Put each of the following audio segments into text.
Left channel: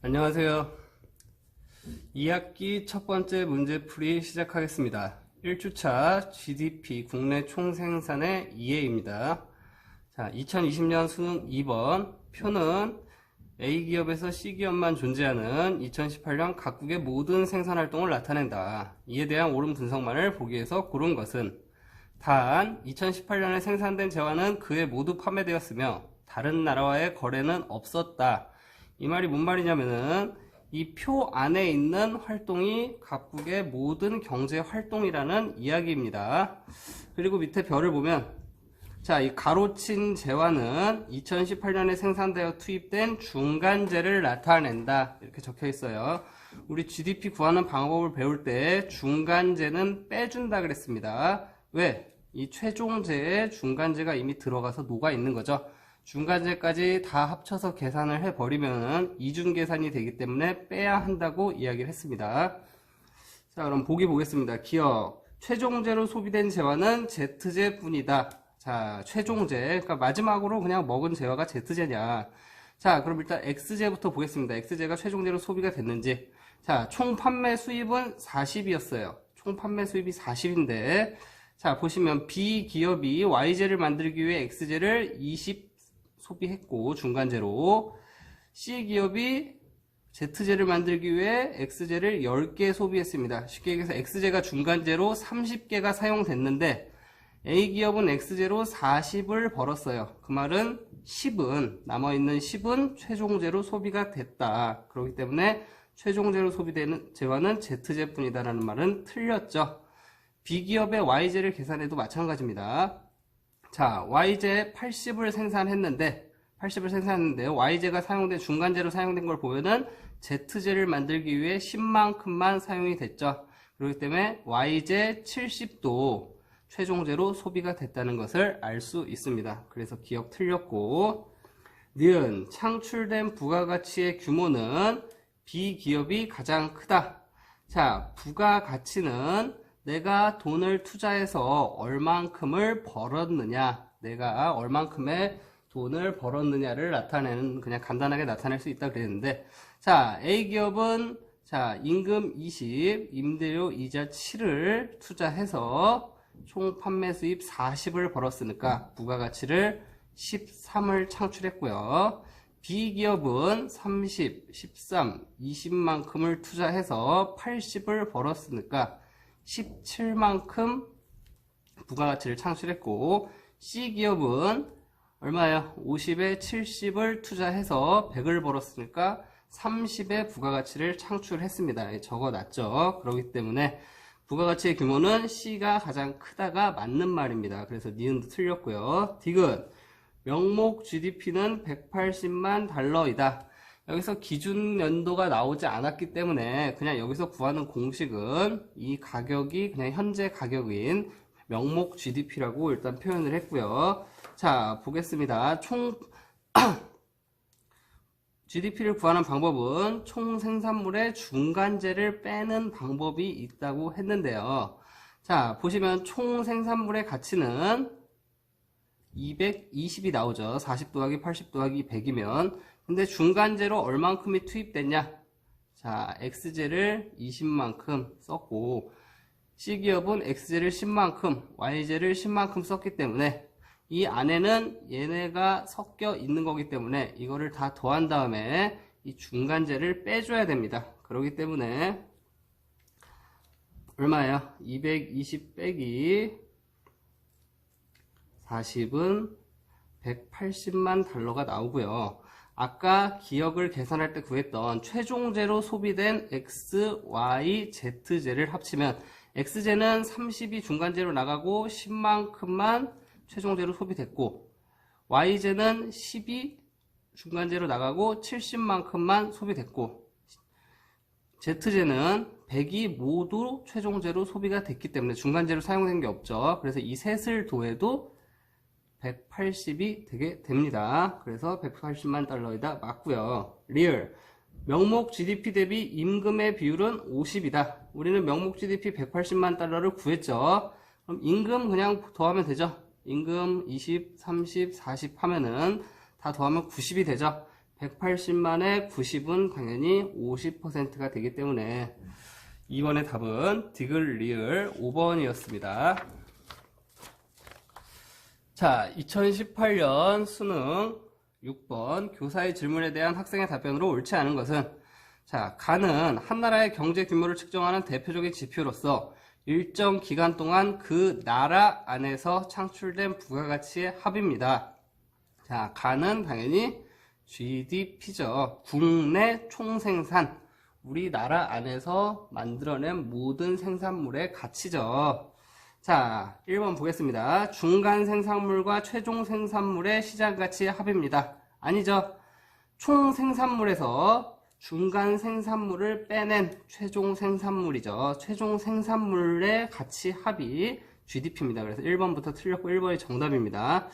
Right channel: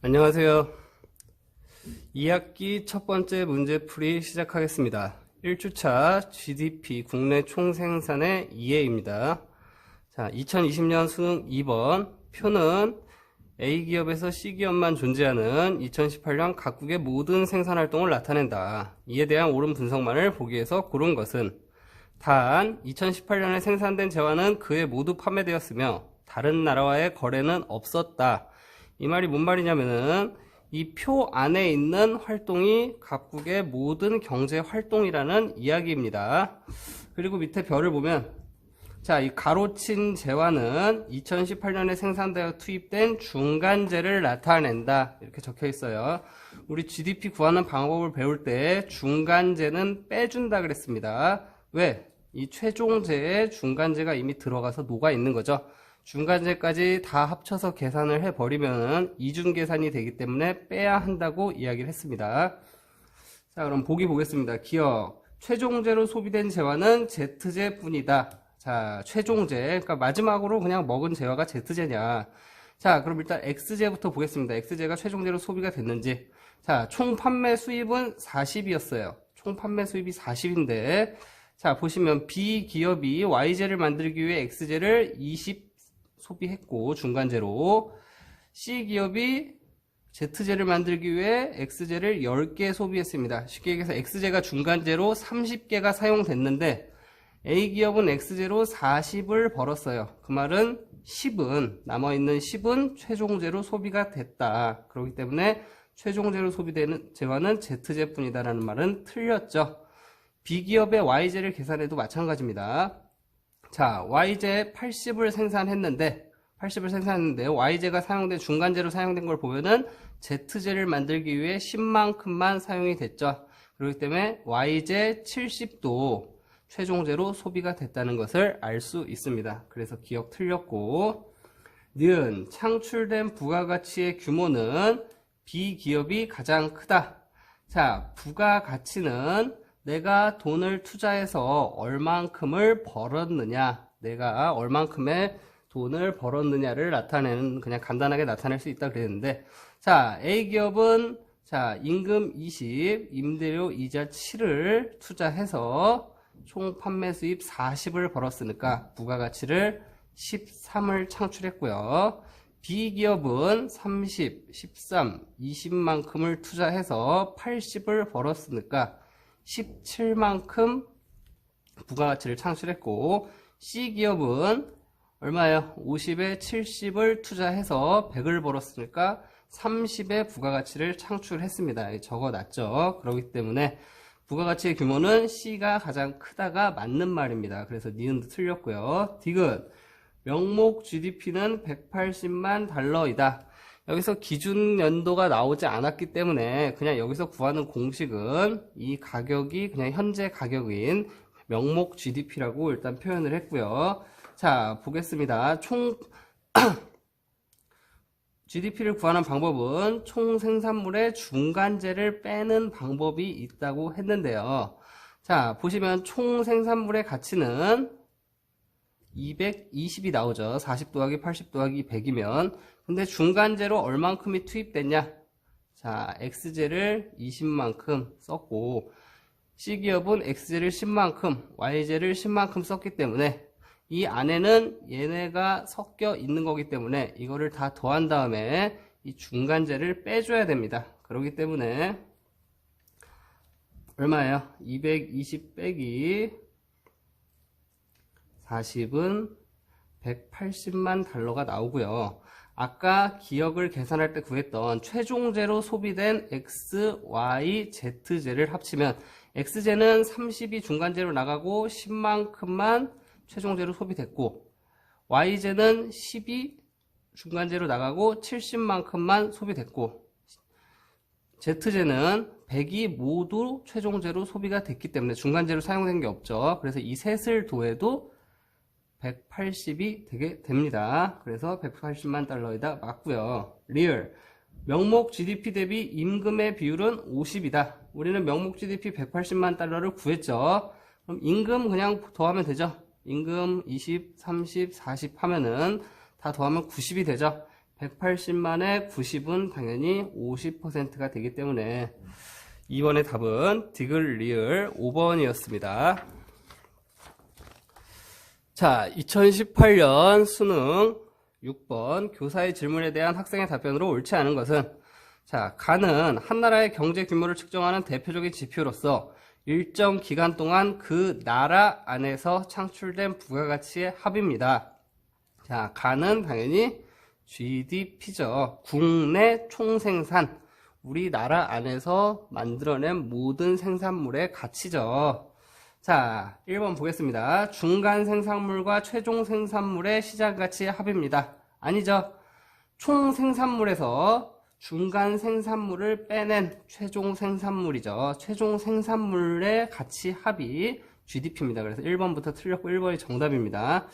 안녕하세요. 2학기 첫 번째 문제풀이 시작하겠습니다. 1주차 GDP 국내 총생산의 이해입니다. 자, 2020년 수능 2번 표는 A기업에서 C기업만 존재하는 2018년 각국의 모든 생산활동을 나타낸다. 이에 대한 옳은 분석만을 보기 위해서 고른 것은 단 2018년에 생산된 재화는 그에 모두 판매되었으며 다른 나라와의 거래는 없었다. 이 말이 뭔 말이냐면은 이 표 안에 있는 활동이 각국의 모든 경제 활동이라는 이야기입니다. 그리고 밑에 별을 보면 자, 이 가로친 재화는 2018년에 생산되어 투입된 중간재를 나타낸다. 이렇게 적혀 있어요. 우리 GDP 구하는 방법을 배울 때 중간재는 빼준다 그랬습니다. 왜? 이 최종재에 중간재가 이미 들어가서 녹아 있는 거죠. 중간재까지 다 합쳐서 계산을 해버리면 이중계산이 되기 때문에 빼야 한다고 이야기를 했습니다. 자, 그럼 보기 보겠습니다. 기억. 최종재로 소비된 재화는 Z재 뿐이다. 자, 최종재. 그러니까 마지막으로 그냥 먹은 재화가 Z재냐. 자, 그럼 일단 X재부터 보겠습니다. X재가 최종재로 소비가 됐는지. 자, 총 판매 수입은 40이었어요. 총 판매 수입이 40인데, 자, 보시면 B기업이 Y재를 만들기 위해 X재를 20 소비했고, 중간재로. C기업이 Z재를 만들기 위해 X재를 10개 소비했습니다. 쉽게 얘기해서 X재가 중간재로 30개가 사용됐는데, A기업은 X재로 40을 벌었어요. 그 말은 10은, 남아있는 10은 최종재로 소비가 됐다. 그렇기 때문에 최종재로 소비되는 재화는 Z재뿐이다라는 말은 틀렸죠. B기업의 Y재를 계산해도 마찬가지입니다. 자, Y재 80을 생산했는데 Y재가 사용된 중간재로 사용된 걸 보면은 Z재를 만들기 위해 10만큼만 사용이 됐죠. 그렇기 때문에 Y재 70도 최종재로 소비가 됐다는 것을 알 수 있습니다. 그래서 기억 틀렸고, 니은 창출된 부가가치의 규모는 B기업이 가장 크다. 자, 부가가치는 내가 돈을 투자해서 얼만큼을 벌었느냐, 내가 얼만큼의 돈을 벌었느냐를 나타내는, 그냥 간단하게 나타낼 수 있다 그랬는데, 자, A기업은 자, 임금 20, 임대료 이자 7을 투자해서 총 판매 수입 40을 벌었으니까 부가가치를 13을 창출했고요. B기업은 30, 13, 20만큼을 투자해서 80을 벌었으니까 17만큼 부가가치를 창출했고, C기업은 얼마예요? 50에 70을 투자해서 100을 벌었으니까 30의 부가가치를 창출했습니다. 적어놨죠. 그렇기 때문에 부가가치의 규모는 C가 가장 크다가 맞는 말입니다. 그래서 니은도 틀렸고요. 디귿. 명목 GDP는 180만 달러이다. 여기서 기준 연도가 나오지 않았기 때문에 그냥 여기서 구하는 공식은 이 가격이 그냥 현재 가격인 명목 GDP라고 일단 표현을 했고요. 자, 보겠습니다. 총 GDP를 구하는 방법은 총 생산물의 중간재를 빼는 방법이 있다고 했는데요. 자, 보시면 총 생산물의 가치는 220이 나오죠. 40 더하기 80 더하기 100이면. 근데 중간재로 얼만큼이 투입됐냐? 자, X재를 20만큼 썼고, C기업은 X재를 10만큼, Y재를 10만큼 썼기 때문에 이 안에는 얘네가 섞여 있는 거기 때문에 이거를 다 더한 다음에 이 중간재를 빼줘야 됩니다. 그렇기 때문에 얼마예요? 220 빼기 40은 180만 달러가 나오고요. 아까 기억을 계산할 때 구했던 최종재로 소비된 X, Y, Z재를 합치면 X재는 30이 중간재로 나가고 10만큼만 최종재로 소비됐고, Y재는 10이 중간재로 나가고 70만큼만 소비됐고, Z재는 100이 모두 최종재로 소비가 됐기 때문에 중간재로 사용된 게 없죠. 그래서 이 셋을 더해도 180이 되게 됩니다. 그래서 180만 달러이다 맞고요. 리얼. 명목 GDP 대비 임금의 비율은 50이다. 우리는 명목 GDP 180만 달러를 구했죠. 그럼 임금 그냥 더하면 되죠. 임금 20, 30, 40 하면은 다 더하면 90이 되죠. 180만에 90은 당연히 50%가 되기 때문에 2번의 답은 디귿 리을 5번이었습니다. 자, 2018년 수능 6번 교사의 질문에 대한 학생의 답변으로 옳지 않은 것은, 자, 가는 한 나라의 경제 규모를 측정하는 대표적인 지표로서 일정 기간 동안 그 나라 안에서 창출된 부가가치의 합입니다. 자, 가는 당연히 GDP죠. 국내 총생산, 우리나라 안에서 만들어낸 모든 생산물의 가치죠. 자, 1번 보겠습니다. 중간 생산물과 최종 생산물의 시장가치의 합입니다. 아니죠. 총 생산물에서 중간 생산물을 빼낸 최종 생산물이죠. 최종 생산물의 가치 합이 GDP입니다. 그래서 1번부터 틀렸고 1번이 정답입니다.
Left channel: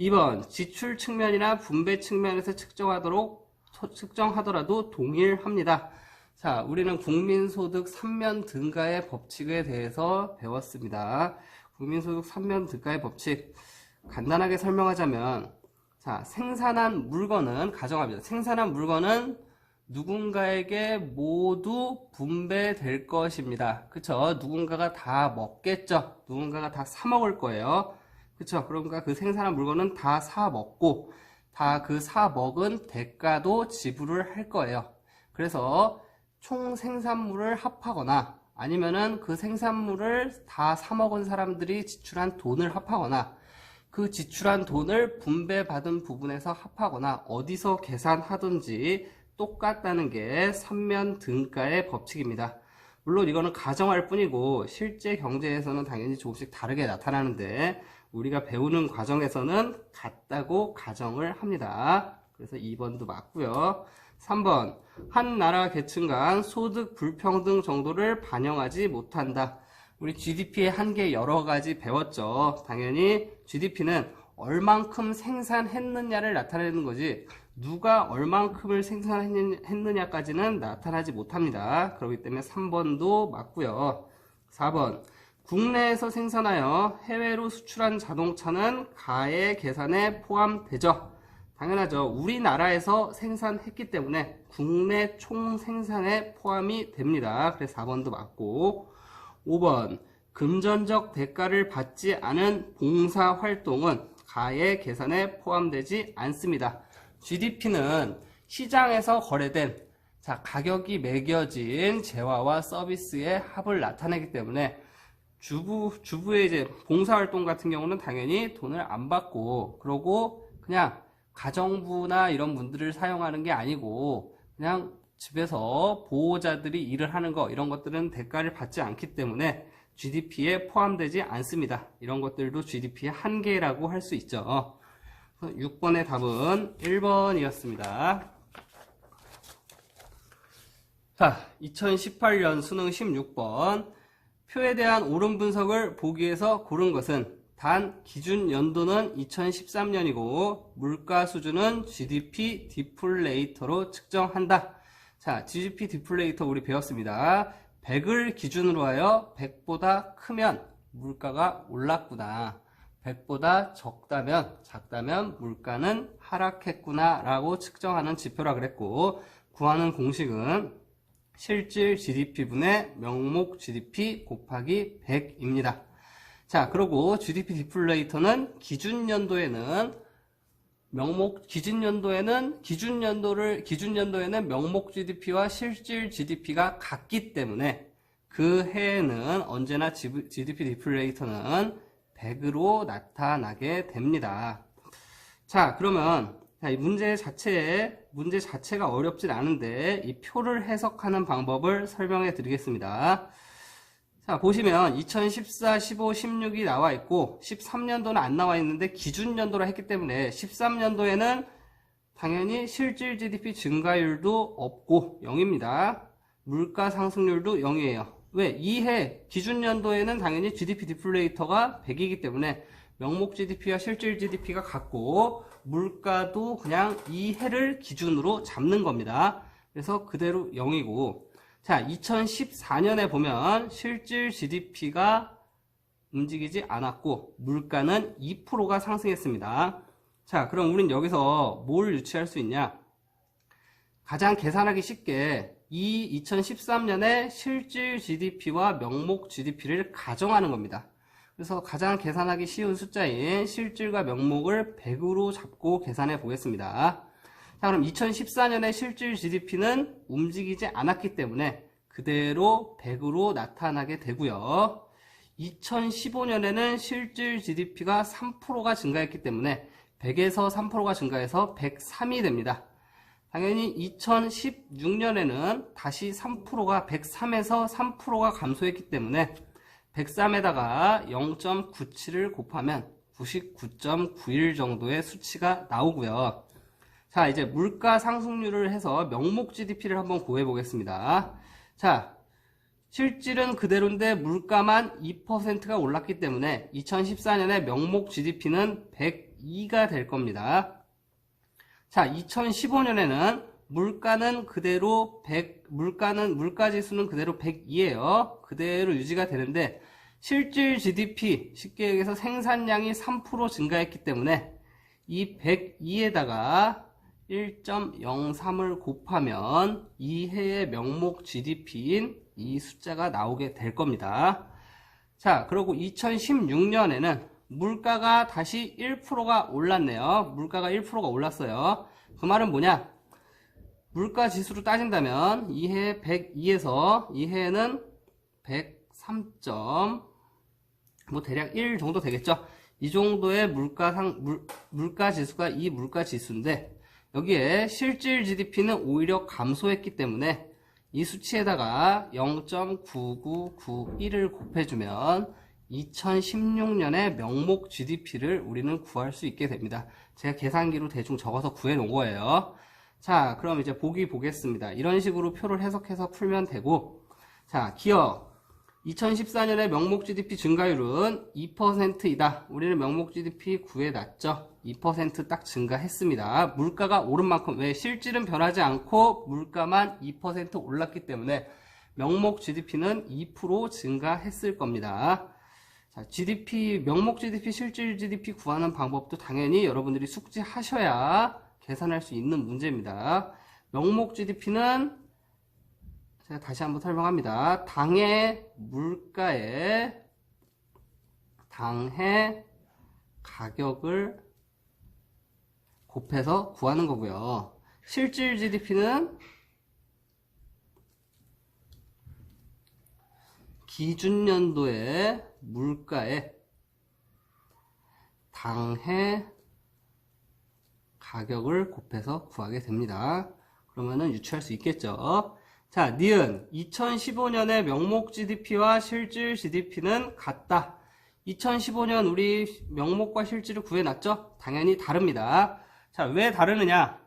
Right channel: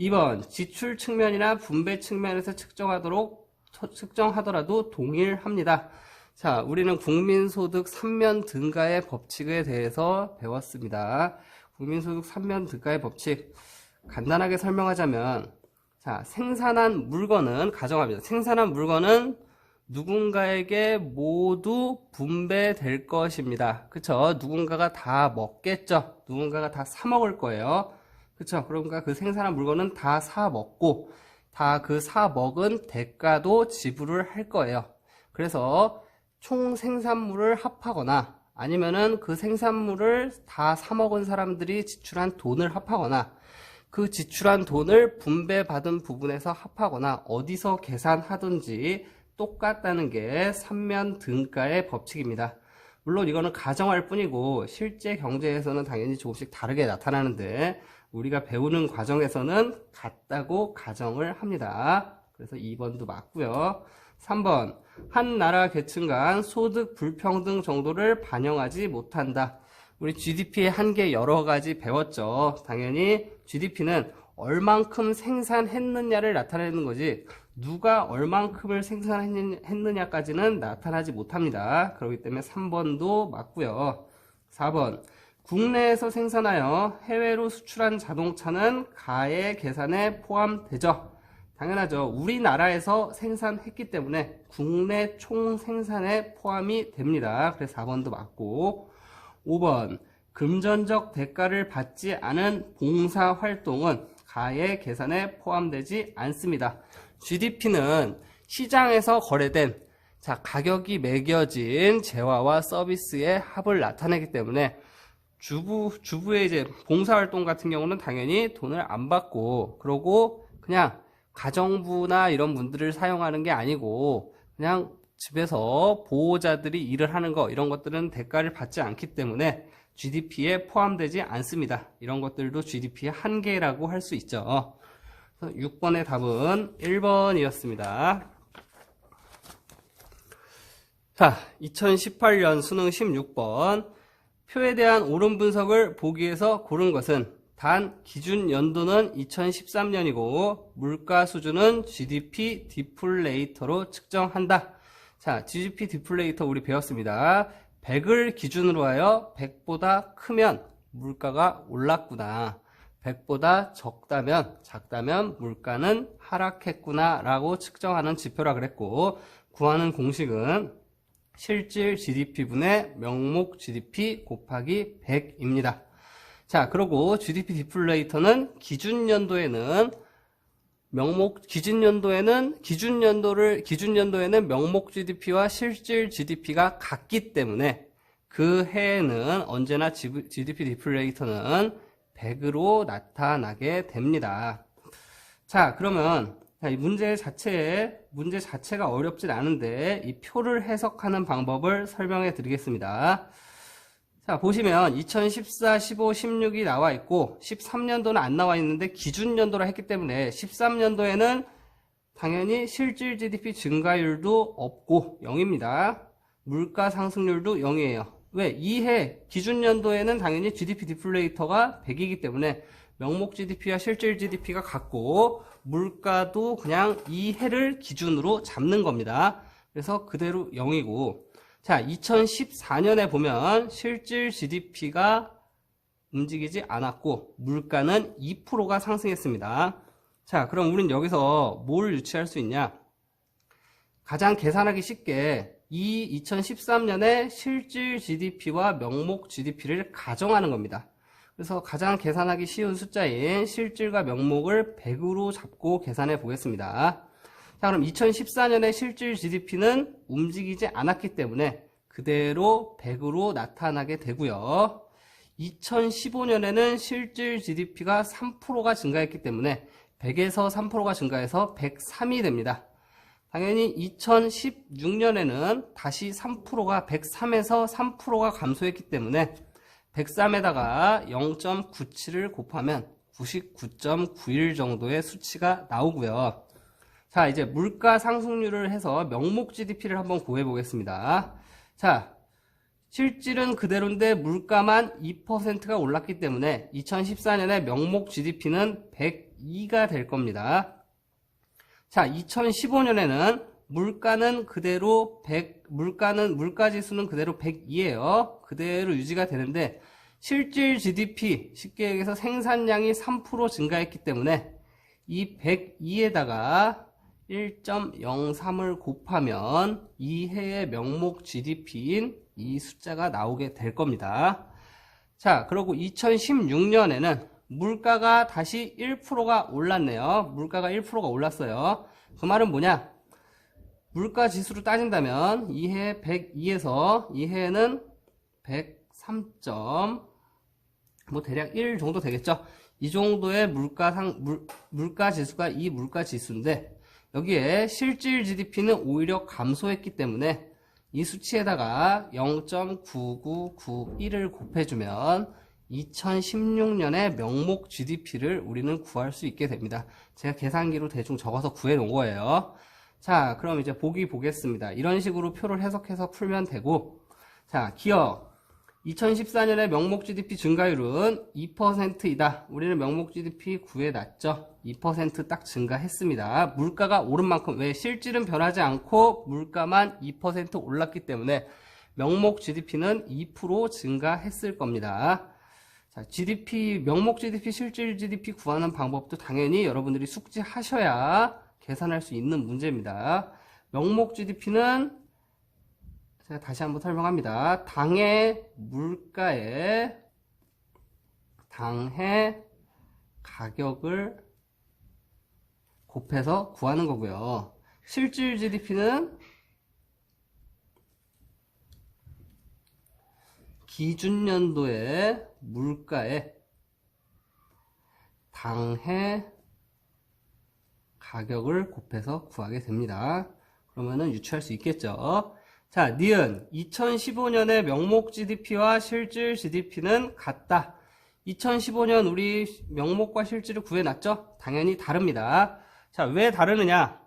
2번, 지출 측면이나 분배 측면에서 측정하더라도 동일합니다. 자, 우리는 국민소득 3면 등가의 법칙에 대해서 배웠습니다. 국민소득 3면 등가의 법칙, 간단하게 설명하자면, 자, 생산한 물건은, 가정합니다. 생산한 물건은 누군가에게 모두 분배될 것입니다. 그쵸? 누군가가 다 먹겠죠? 누군가가 다 사 먹을 거예요. 그쵸? 그러니까 그 생산한 물건은 다 사 먹고, 다 그 사 먹은 대가도 지불을 할 거예요. 그래서 총 생산물을 합하거나 아니면은 그 생산물을 다 사 먹은 사람들이 지출한 돈을 합하거나 그 지출한 돈을 분배받은 부분에서 합하거나 어디서 계산하든지 똑같다는 게 3면 등가의 법칙입니다. 물론 이거는 가정할 뿐이고 실제 경제에서는 당연히 조금씩 다르게 나타나는데 우리가 배우는 과정에서는 같다고 가정을 합니다. 그래서 2번도 맞고요. 3번, 한 나라 계층 간 소득 불평등 정도를 반영하지 못한다. 우리 GDP의 한계 여러 가지 배웠죠. 당연히 GDP는 얼만큼 생산했느냐를 나타내는 거지 누가 얼만큼을 생산했느냐까지는 나타나지 못합니다. 그렇기 때문에 3번도 맞고요. 4번, 국내에서 생산하여 해외로 수출한 자동차는 가의 계산에 포함되죠. 당연하죠. 우리나라에서 생산했기 때문에 국내 총 생산에 포함이 됩니다. 그래서 4번도 맞고, 5번, 금전적 대가를 받지 않은 봉사활동은 가의 계산에 포함되지 않습니다. GDP는 시장에서 거래된, 자, 가격이 매겨진 재화와 서비스의 합을 나타내기 때문에 주부의 이제 봉사활동 같은 경우는 당연히 돈을 안 받고, 그러고 그냥 가정부나 이런 분들을 사용하는 게 아니고 그냥 집에서 보호자들이 일을 하는 거 이런 것들은 대가를 받지 않기 때문에 GDP에 포함되지 않습니다. 이런 것들도 GDP의 한계라고 할 수 있죠. 6번의 답은 1번이었습니다. 자, 2018년 수능 16번 표에 대한 옳은 분석을 보기 위해서 고른 것은 단 기준 연도는 2013년이고 물가 수준은 GDP 디플레이터로 측정한다. 자, GDP 디플레이터 우리 배웠습니다. 100을 기준으로 하여 100보다 크면 물가가 올랐구나. 100보다 작다면 물가는 하락했구나 라고 측정하는 지표라 그랬고 구하는 공식은 실질 GDP분의 명목 GDP 곱하기 100입니다. 자, 그리고 GDP 디플레이터는 기준연도에는 명목 GDP와 실질 GDP가 같기 때문에 그 해에는 언제나 GDP 디플레이터는 100으로 나타나게 됩니다. 자, 그러면 이 문제 자체가 어렵진 않은데 이 표를 해석하는 방법을 설명해 드리겠습니다. 자, 보시면 2014, 15, 16이 나와 있고 13년도는 안 나와 있는데 기준연도라 했기 때문에 13년도에는 당연히 실질 GDP 증가율도 없고 0입니다. 물가 상승률도 0이에요. 왜? 이해 기준연도에는 당연히 GDP 디플레이터가 100이기 때문에 명목 GDP와 실질 GDP가 같고 물가도 그냥 이 해를 기준으로 잡는 겁니다. 그래서 그대로 0이고 자, 2014년에 보면 실질 GDP가 움직이지 않았고 물가는 2%가 상승했습니다. 자, 그럼 우린 여기서 뭘 유추할 수 있냐? 가장 계산하기 쉽게 이 2013년에 실질 GDP와 명목 GDP를 가정하는 겁니다. 그래서 가장 계산하기 쉬운 숫자인 실질과 명목을 100으로 잡고 계산해 보겠습니다. 자, 그럼 2014년에 실질 GDP는 움직이지 않았기 때문에 그대로 100으로 나타나게 되고요. 2015년에는 실질 GDP가 3%가 증가했기 때문에 100에서 3%가 증가해서 103이 됩니다. 당연히 2016년에는 다시 3%가 103에서 3%가 감소했기 때문에 103에다가 0.97을 곱하면 99.91 정도의 수치가 나오고요. 자, 이제 물가 상승률을 해서 명목 GDP를 한번 구해 보겠습니다. 자, 실질은 그대로인데 물가만 2%가 올랐기 때문에 2014년에 명목 GDP는 102가 될 겁니다. 자, 2015년에는 물가는 그대로 물가 지수는 그대로 102예요. 그대로 유지가 되는데 실질 GDP, 쉽게 얘기해서 생산량이 3% 증가했기 때문에 이 102에다가 1.03을 곱하면 이 해의 명목 GDP인 이 숫자가 나오게 될 겁니다. 자, 그리고 2016년에는 물가가 다시 1%가 올랐네요. 물가가 1%가 올랐어요. 그 말은 뭐냐? 물가 지수로 따진다면 이 해 102에서 이 해에는 103. 뭐 대략 1 정도 되겠죠. 이 정도의 물가 지수가 이 물가 지수인데 여기에 실질 GDP는 오히려 감소했기 때문에 이 수치에다가 0.9991을 곱해주면 2016년의 명목 GDP를 우리는 구할 수 있게 됩니다. 제가 계산기로 대충 적어서 구해 놓은 거예요. 자, 그럼 이제 보기 보겠습니다. 이런 식으로 표를 해석해서 풀면 되고, 자, 기억. 2014년에 명목 GDP 증가율은 2%이다. 우리는 명목 GDP 구해놨죠. 2% 딱 증가했습니다. 물가가 오른 만큼, 왜? 실질은 변하지 않고 물가만 2% 올랐기 때문에 명목 GDP는 2% 증가했을 겁니다. 자, 명목 GDP, 실질 GDP 구하는 방법도 당연히 여러분들이 숙지하셔야 계산할 수 있는 문제입니다. 명목 GDP는 제가 다시 한번 설명합니다. 당해 가격을 곱해서 구하는 거고요. 실질 GDP는 기준연도의 물가에 당해 가격을 곱해서 구하게 됩니다. 그러면은 유추할 수 있겠죠. 자, 니은 2015년의 명목 GDP와 실질 GDP는 같다. 2015년 우리 명목과 실질을 구해놨죠? 당연히 다릅니다. 자, 왜 다르느냐?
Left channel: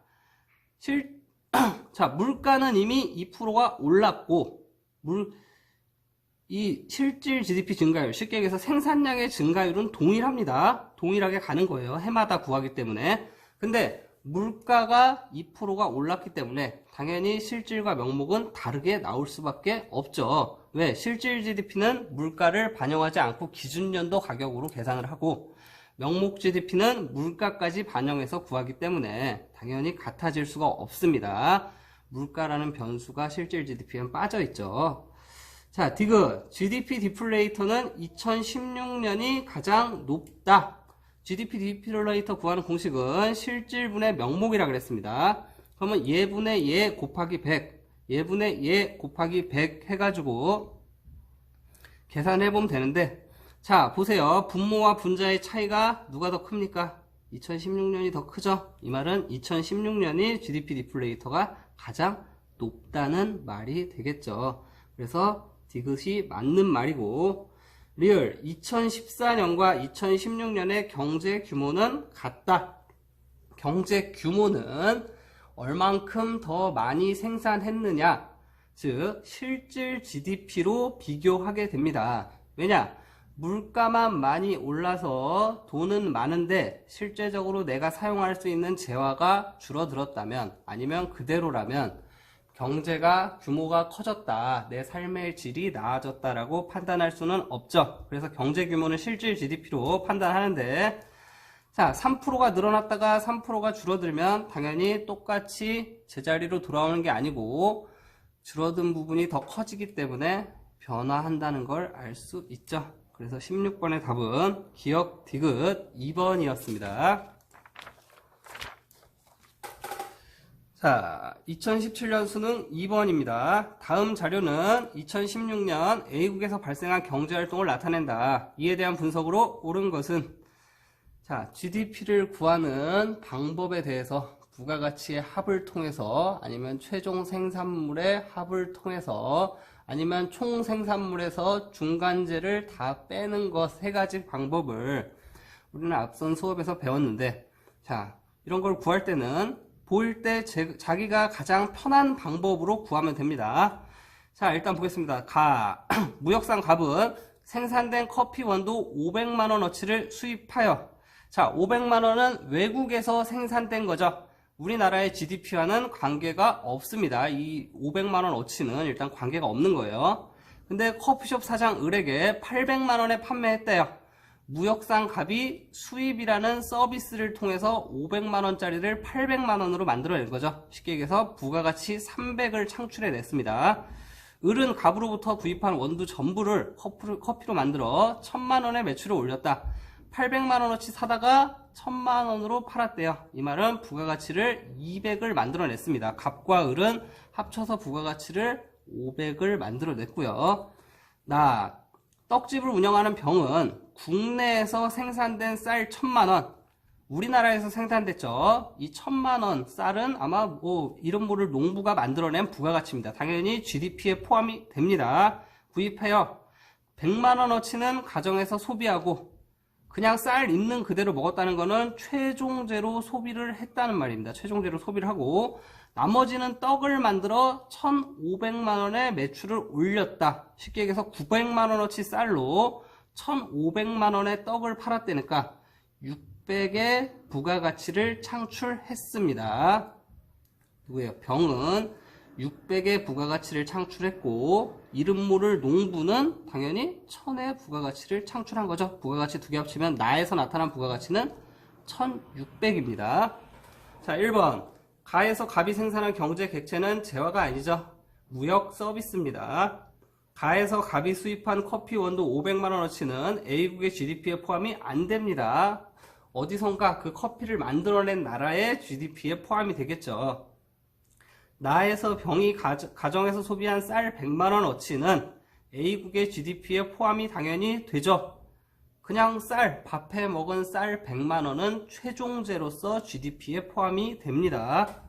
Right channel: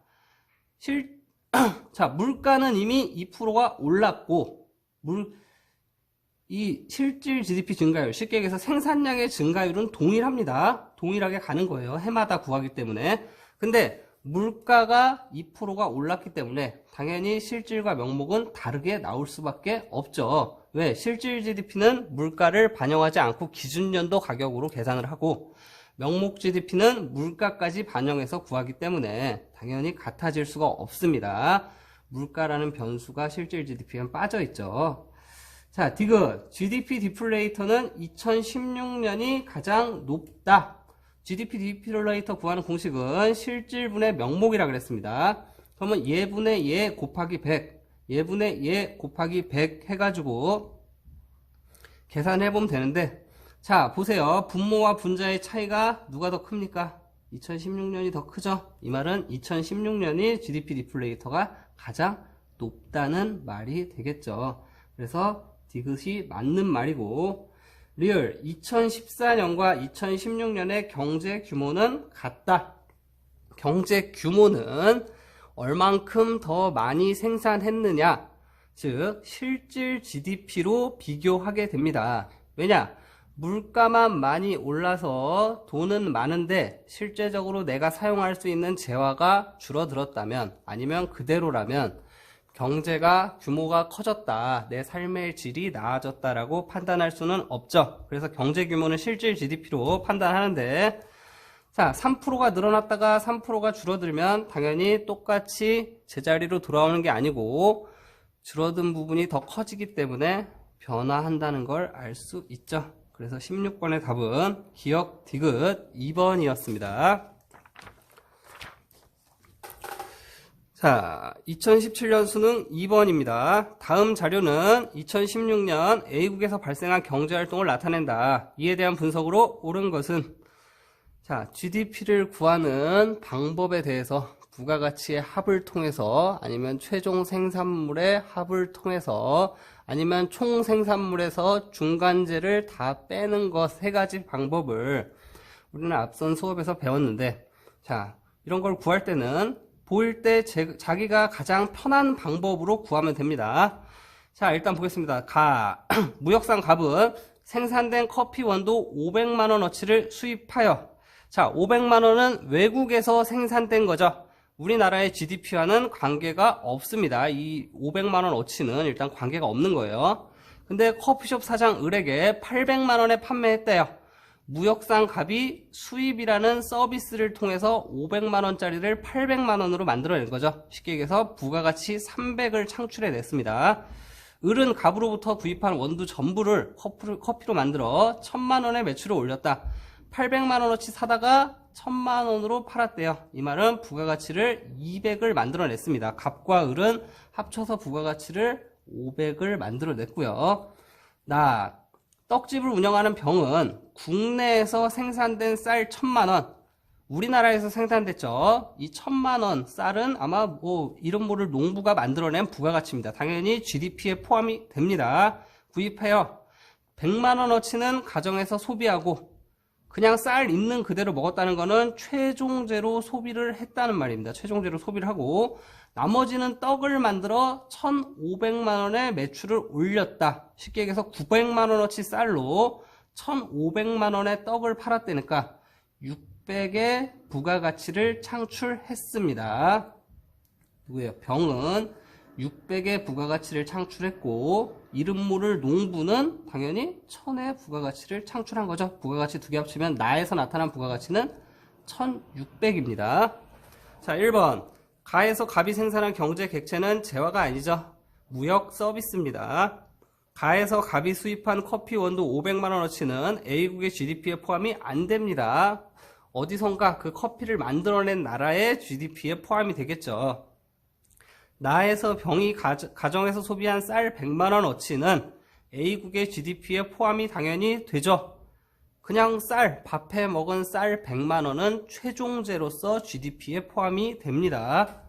자, 물가는 이미 2%가 올랐고 이 실질 GDP 증가율, 쉽게 얘기해서 생산량의 증가율은 동일합니다. 동일하게 가는 거예요. 해마다 구하기 때문에. 근데 물가가 2%가 올랐기 때문에 당연히 실질과 명목은 다르게 나올 수밖에 없죠. 왜? 실질 GDP는 물가를 반영하지 않고 기준연도 가격으로 계산을 하고 명목 GDP는 물가까지 반영해서 구하기 때문에 당연히 같아질 수가 없습니다. 물가라는 변수가 실질 GDP에 빠져 있죠. 자, 디귿. GDP 디플레이터는 2016년이 가장 높다. GDP 디플레이터 구하는 공식은 실질분의 명목이라 그랬습니다. 그러면 예분의 예 곱하기 100, 예분의 예 곱하기 100 해가지고 계산해보면 되는데, 자, 보세요. 분모와 분자의 차이가 누가 더 큽니까? 2016년이 더 크죠? 이 말은 2016년이 GDP 디플레이터가 가장 높다는 말이 되겠죠. 그래서 디귿이 맞는 말이고, 리얼 2014년과 2016년의 경제 규모는 같다. 경제 규모는 얼만큼 더 많이 생산했느냐, 즉 실질 GDP로 비교하게 됩니다. 왜냐? 물가만 많이 올라서 돈은 많은데 실제적으로 내가 사용할 수 있는 재화가 줄어들었다면, 아니면 그대로라면 경제가 규모가 커졌다, 내 삶의 질이 나아졌다라고 판단할 수는 없죠. 그래서 경제 규모는 실질 GDP로 판단하는데, 자, 3%가 늘어났다가 3%가 줄어들면 당연히 똑같이 제자리로 돌아오는 게 아니고 줄어든 부분이 더 커지기 때문에 변화한다는 걸 알 수 있죠. 그래서 16번의 답은 기억 디귿 2번이었습니다. 자, 2017년 수능 2번입니다. 다음 자료는 2016년 A국에서 발생한 경제활동을 나타낸다. 이에 대한 분석으로 옳은 것은, 자, GDP를 구하는 방법에 대해서 부가가치의 합을 통해서, 아니면 최종 생산물의 합을 통해서, 아니면 총 생산물에서 중간재를 다 빼는 것 세 가지 방법을 우리는 앞선 수업에서 배웠는데, 자, 이런 걸 구할 때는 보일 때 자기가 가장 편한 방법으로 구하면 됩니다. 자, 일단 보겠습니다. 무역상 갑은 생산된 커피 원두 500만원어치를 수입하여, 자, 500만원은 외국에서 생산된 거죠. 우리나라의 GDP와는 관계가 없습니다. 이 500만원어치는 일단 관계가 없는 거예요. 근데 커피숍 사장 을에게 800만원에 판매했대요. 무역상 갑이 수입이라는 서비스를 통해서 500만원짜리를 800만원으로 만들어낸 거죠. 쉽게 얘기해서 부가가치 300을 창출해 냈습니다. 을은 갑으로부터 구입한 원두 전부를 커피로 만들어 1000만원의 매출을 올렸다. 800만원어치 사다가 1000만원으로 팔았대요. 이 말은 부가가치를 200을 만들어냈습니다. 갑과 을은 합쳐서 부가가치를 500을 만들어냈고요. 떡집을 운영하는 병은 국내에서 생산된 쌀 1000만원, 우리나라에서 생산됐죠. 이 1000만원 쌀은 아마 이름 모를 농부가 만들어낸 부가가치입니다. 당연히 GDP에 포함이 됩니다. 구입해요. 100만원어치는 가정에서 소비하고, 그냥 쌀 있는 그대로 먹었다는 거는 최종재로 소비를 했다는 말입니다. 최종재로 소비를 하고, 나머지는 떡을 만들어 1,500만원의 매출을 올렸다. 쉽게 얘기해서 900만원어치 쌀로 1,500만원의 떡을 팔았다니까 600의 부가가치를 창출했습니다. 누구예요? 병은 600의 부가가치를 창출했고, 이름 모를 농부는 당연히 1000의 부가가치를 창출한 거죠. 부가가치 두 개 합치면 나에서 나타난 부가가치는 1600입니다. 자, 1번. 가에서 갑이 생산한 경제 객체는 재화가 아니죠. 무역 서비스입니다. 가에서 갑이 수입한 커피 원두 500만원어치는 A국의 GDP에 포함이 안 됩니다. 어디선가 그 커피를 만들어낸 나라의 GDP에 포함이 되겠죠. 나에서 병이 가정에서 소비한 쌀 100만원어치는 A국의 GDP에 포함이 당연히 되죠. 그냥 밥해 먹은 쌀 100만원은 최종재로서 GDP에 포함이 됩니다.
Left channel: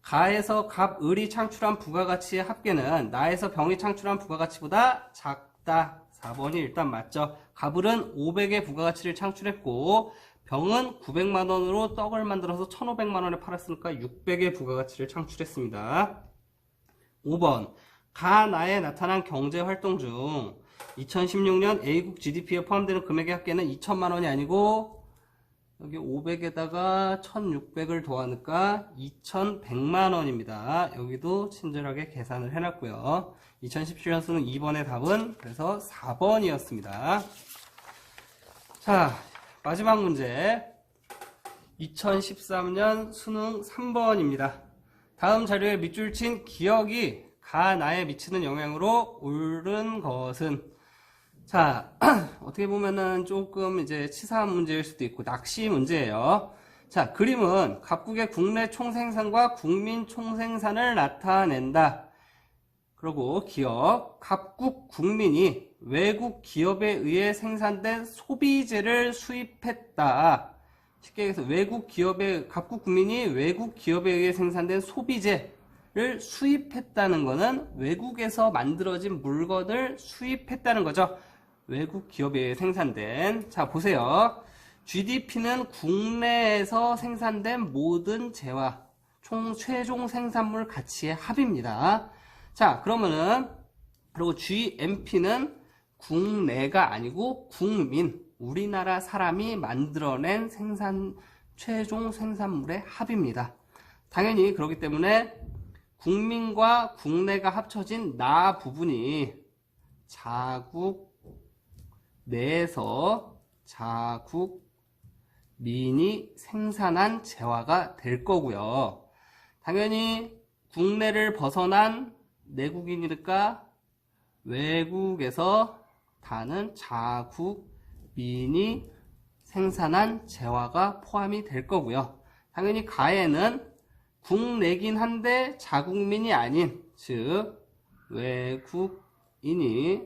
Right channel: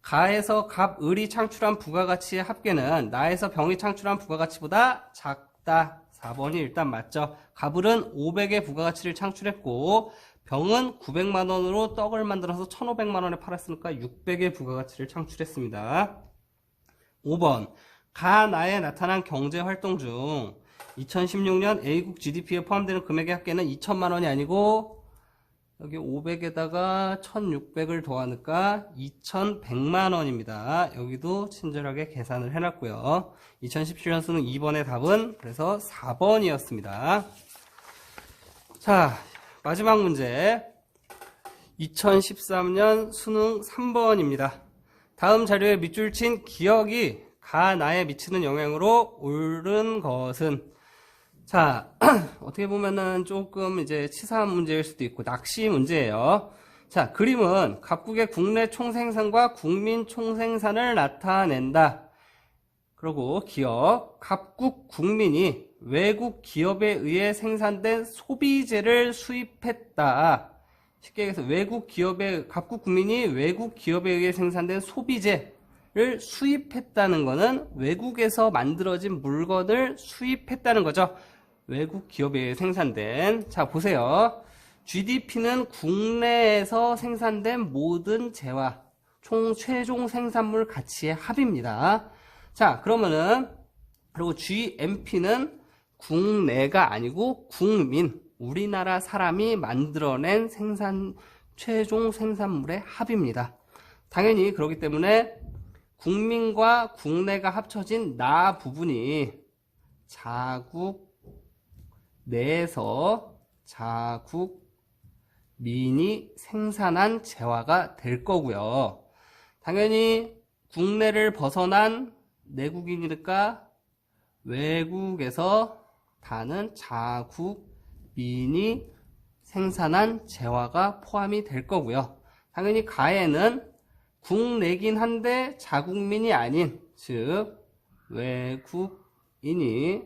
가에서 갑, 을이 창출한 부가가치의 합계는 나에서 병이 창출한 부가가치보다 작다. 4번이 일단 맞죠. 갑을은 500의 부가가치를 창출했고, 병은 900만원으로 떡을 만들어서 1500만원에 팔았으니까 600의 부가가치를 창출했습니다. 5번. 나에 나타난 경제활동 중 2016년 A국 GDP에 포함되는 금액의 합계는 2천만원이 아니고, 여기 500에다가 1600을 더하니까 2100만원입니다. 여기도 친절하게 계산을 해놨고요. 2017년 수능 2번의 답은 그래서 4번이었습니다. 자, 마지막 문제. 2013년 수능 3번입니다. 다음 자료에 밑줄 친 기억이 나에 미치는 영향으로 옳은 것은, 자, 어떻게 보면은 조금 이제 치사한 문제일 수도 있고 낚시 문제예요. 자, 그림은 각국의 국내 총생산과 국민 총생산을 나타낸다. 그리고 기억, 각국 국민이 외국 기업에 의해 생산된 소비재를 수입했다. 쉽게 얘기해서 각국 국민이 외국 기업에 의해 생산된 소비재를 수입했다는 것은 외국에서 만들어진 물건을 수입했다는 거죠. 외국 기업에 생산된. 자, 보세요. GDP는 국내에서 생산된 모든 재화, 최종 생산물 가치의 합입니다. 자, 그리고 GMP는 국내가 아니고 국민, 우리나라 사람이 만들어낸 최종 생산물의 합입니다. 당연히 그렇기 때문에 국민과 국내가 합쳐진 나 부분이 자국 내에서 자국 민이 생산한 재화가 될 거고요. 당연히 국내를 벗어난 내국인이니까 외국에서 다는 자국민이 생산한 재화가 포함이 될 거고요. 당연히 가에는 국내긴 한데 자국민이 아닌, 즉 외국인이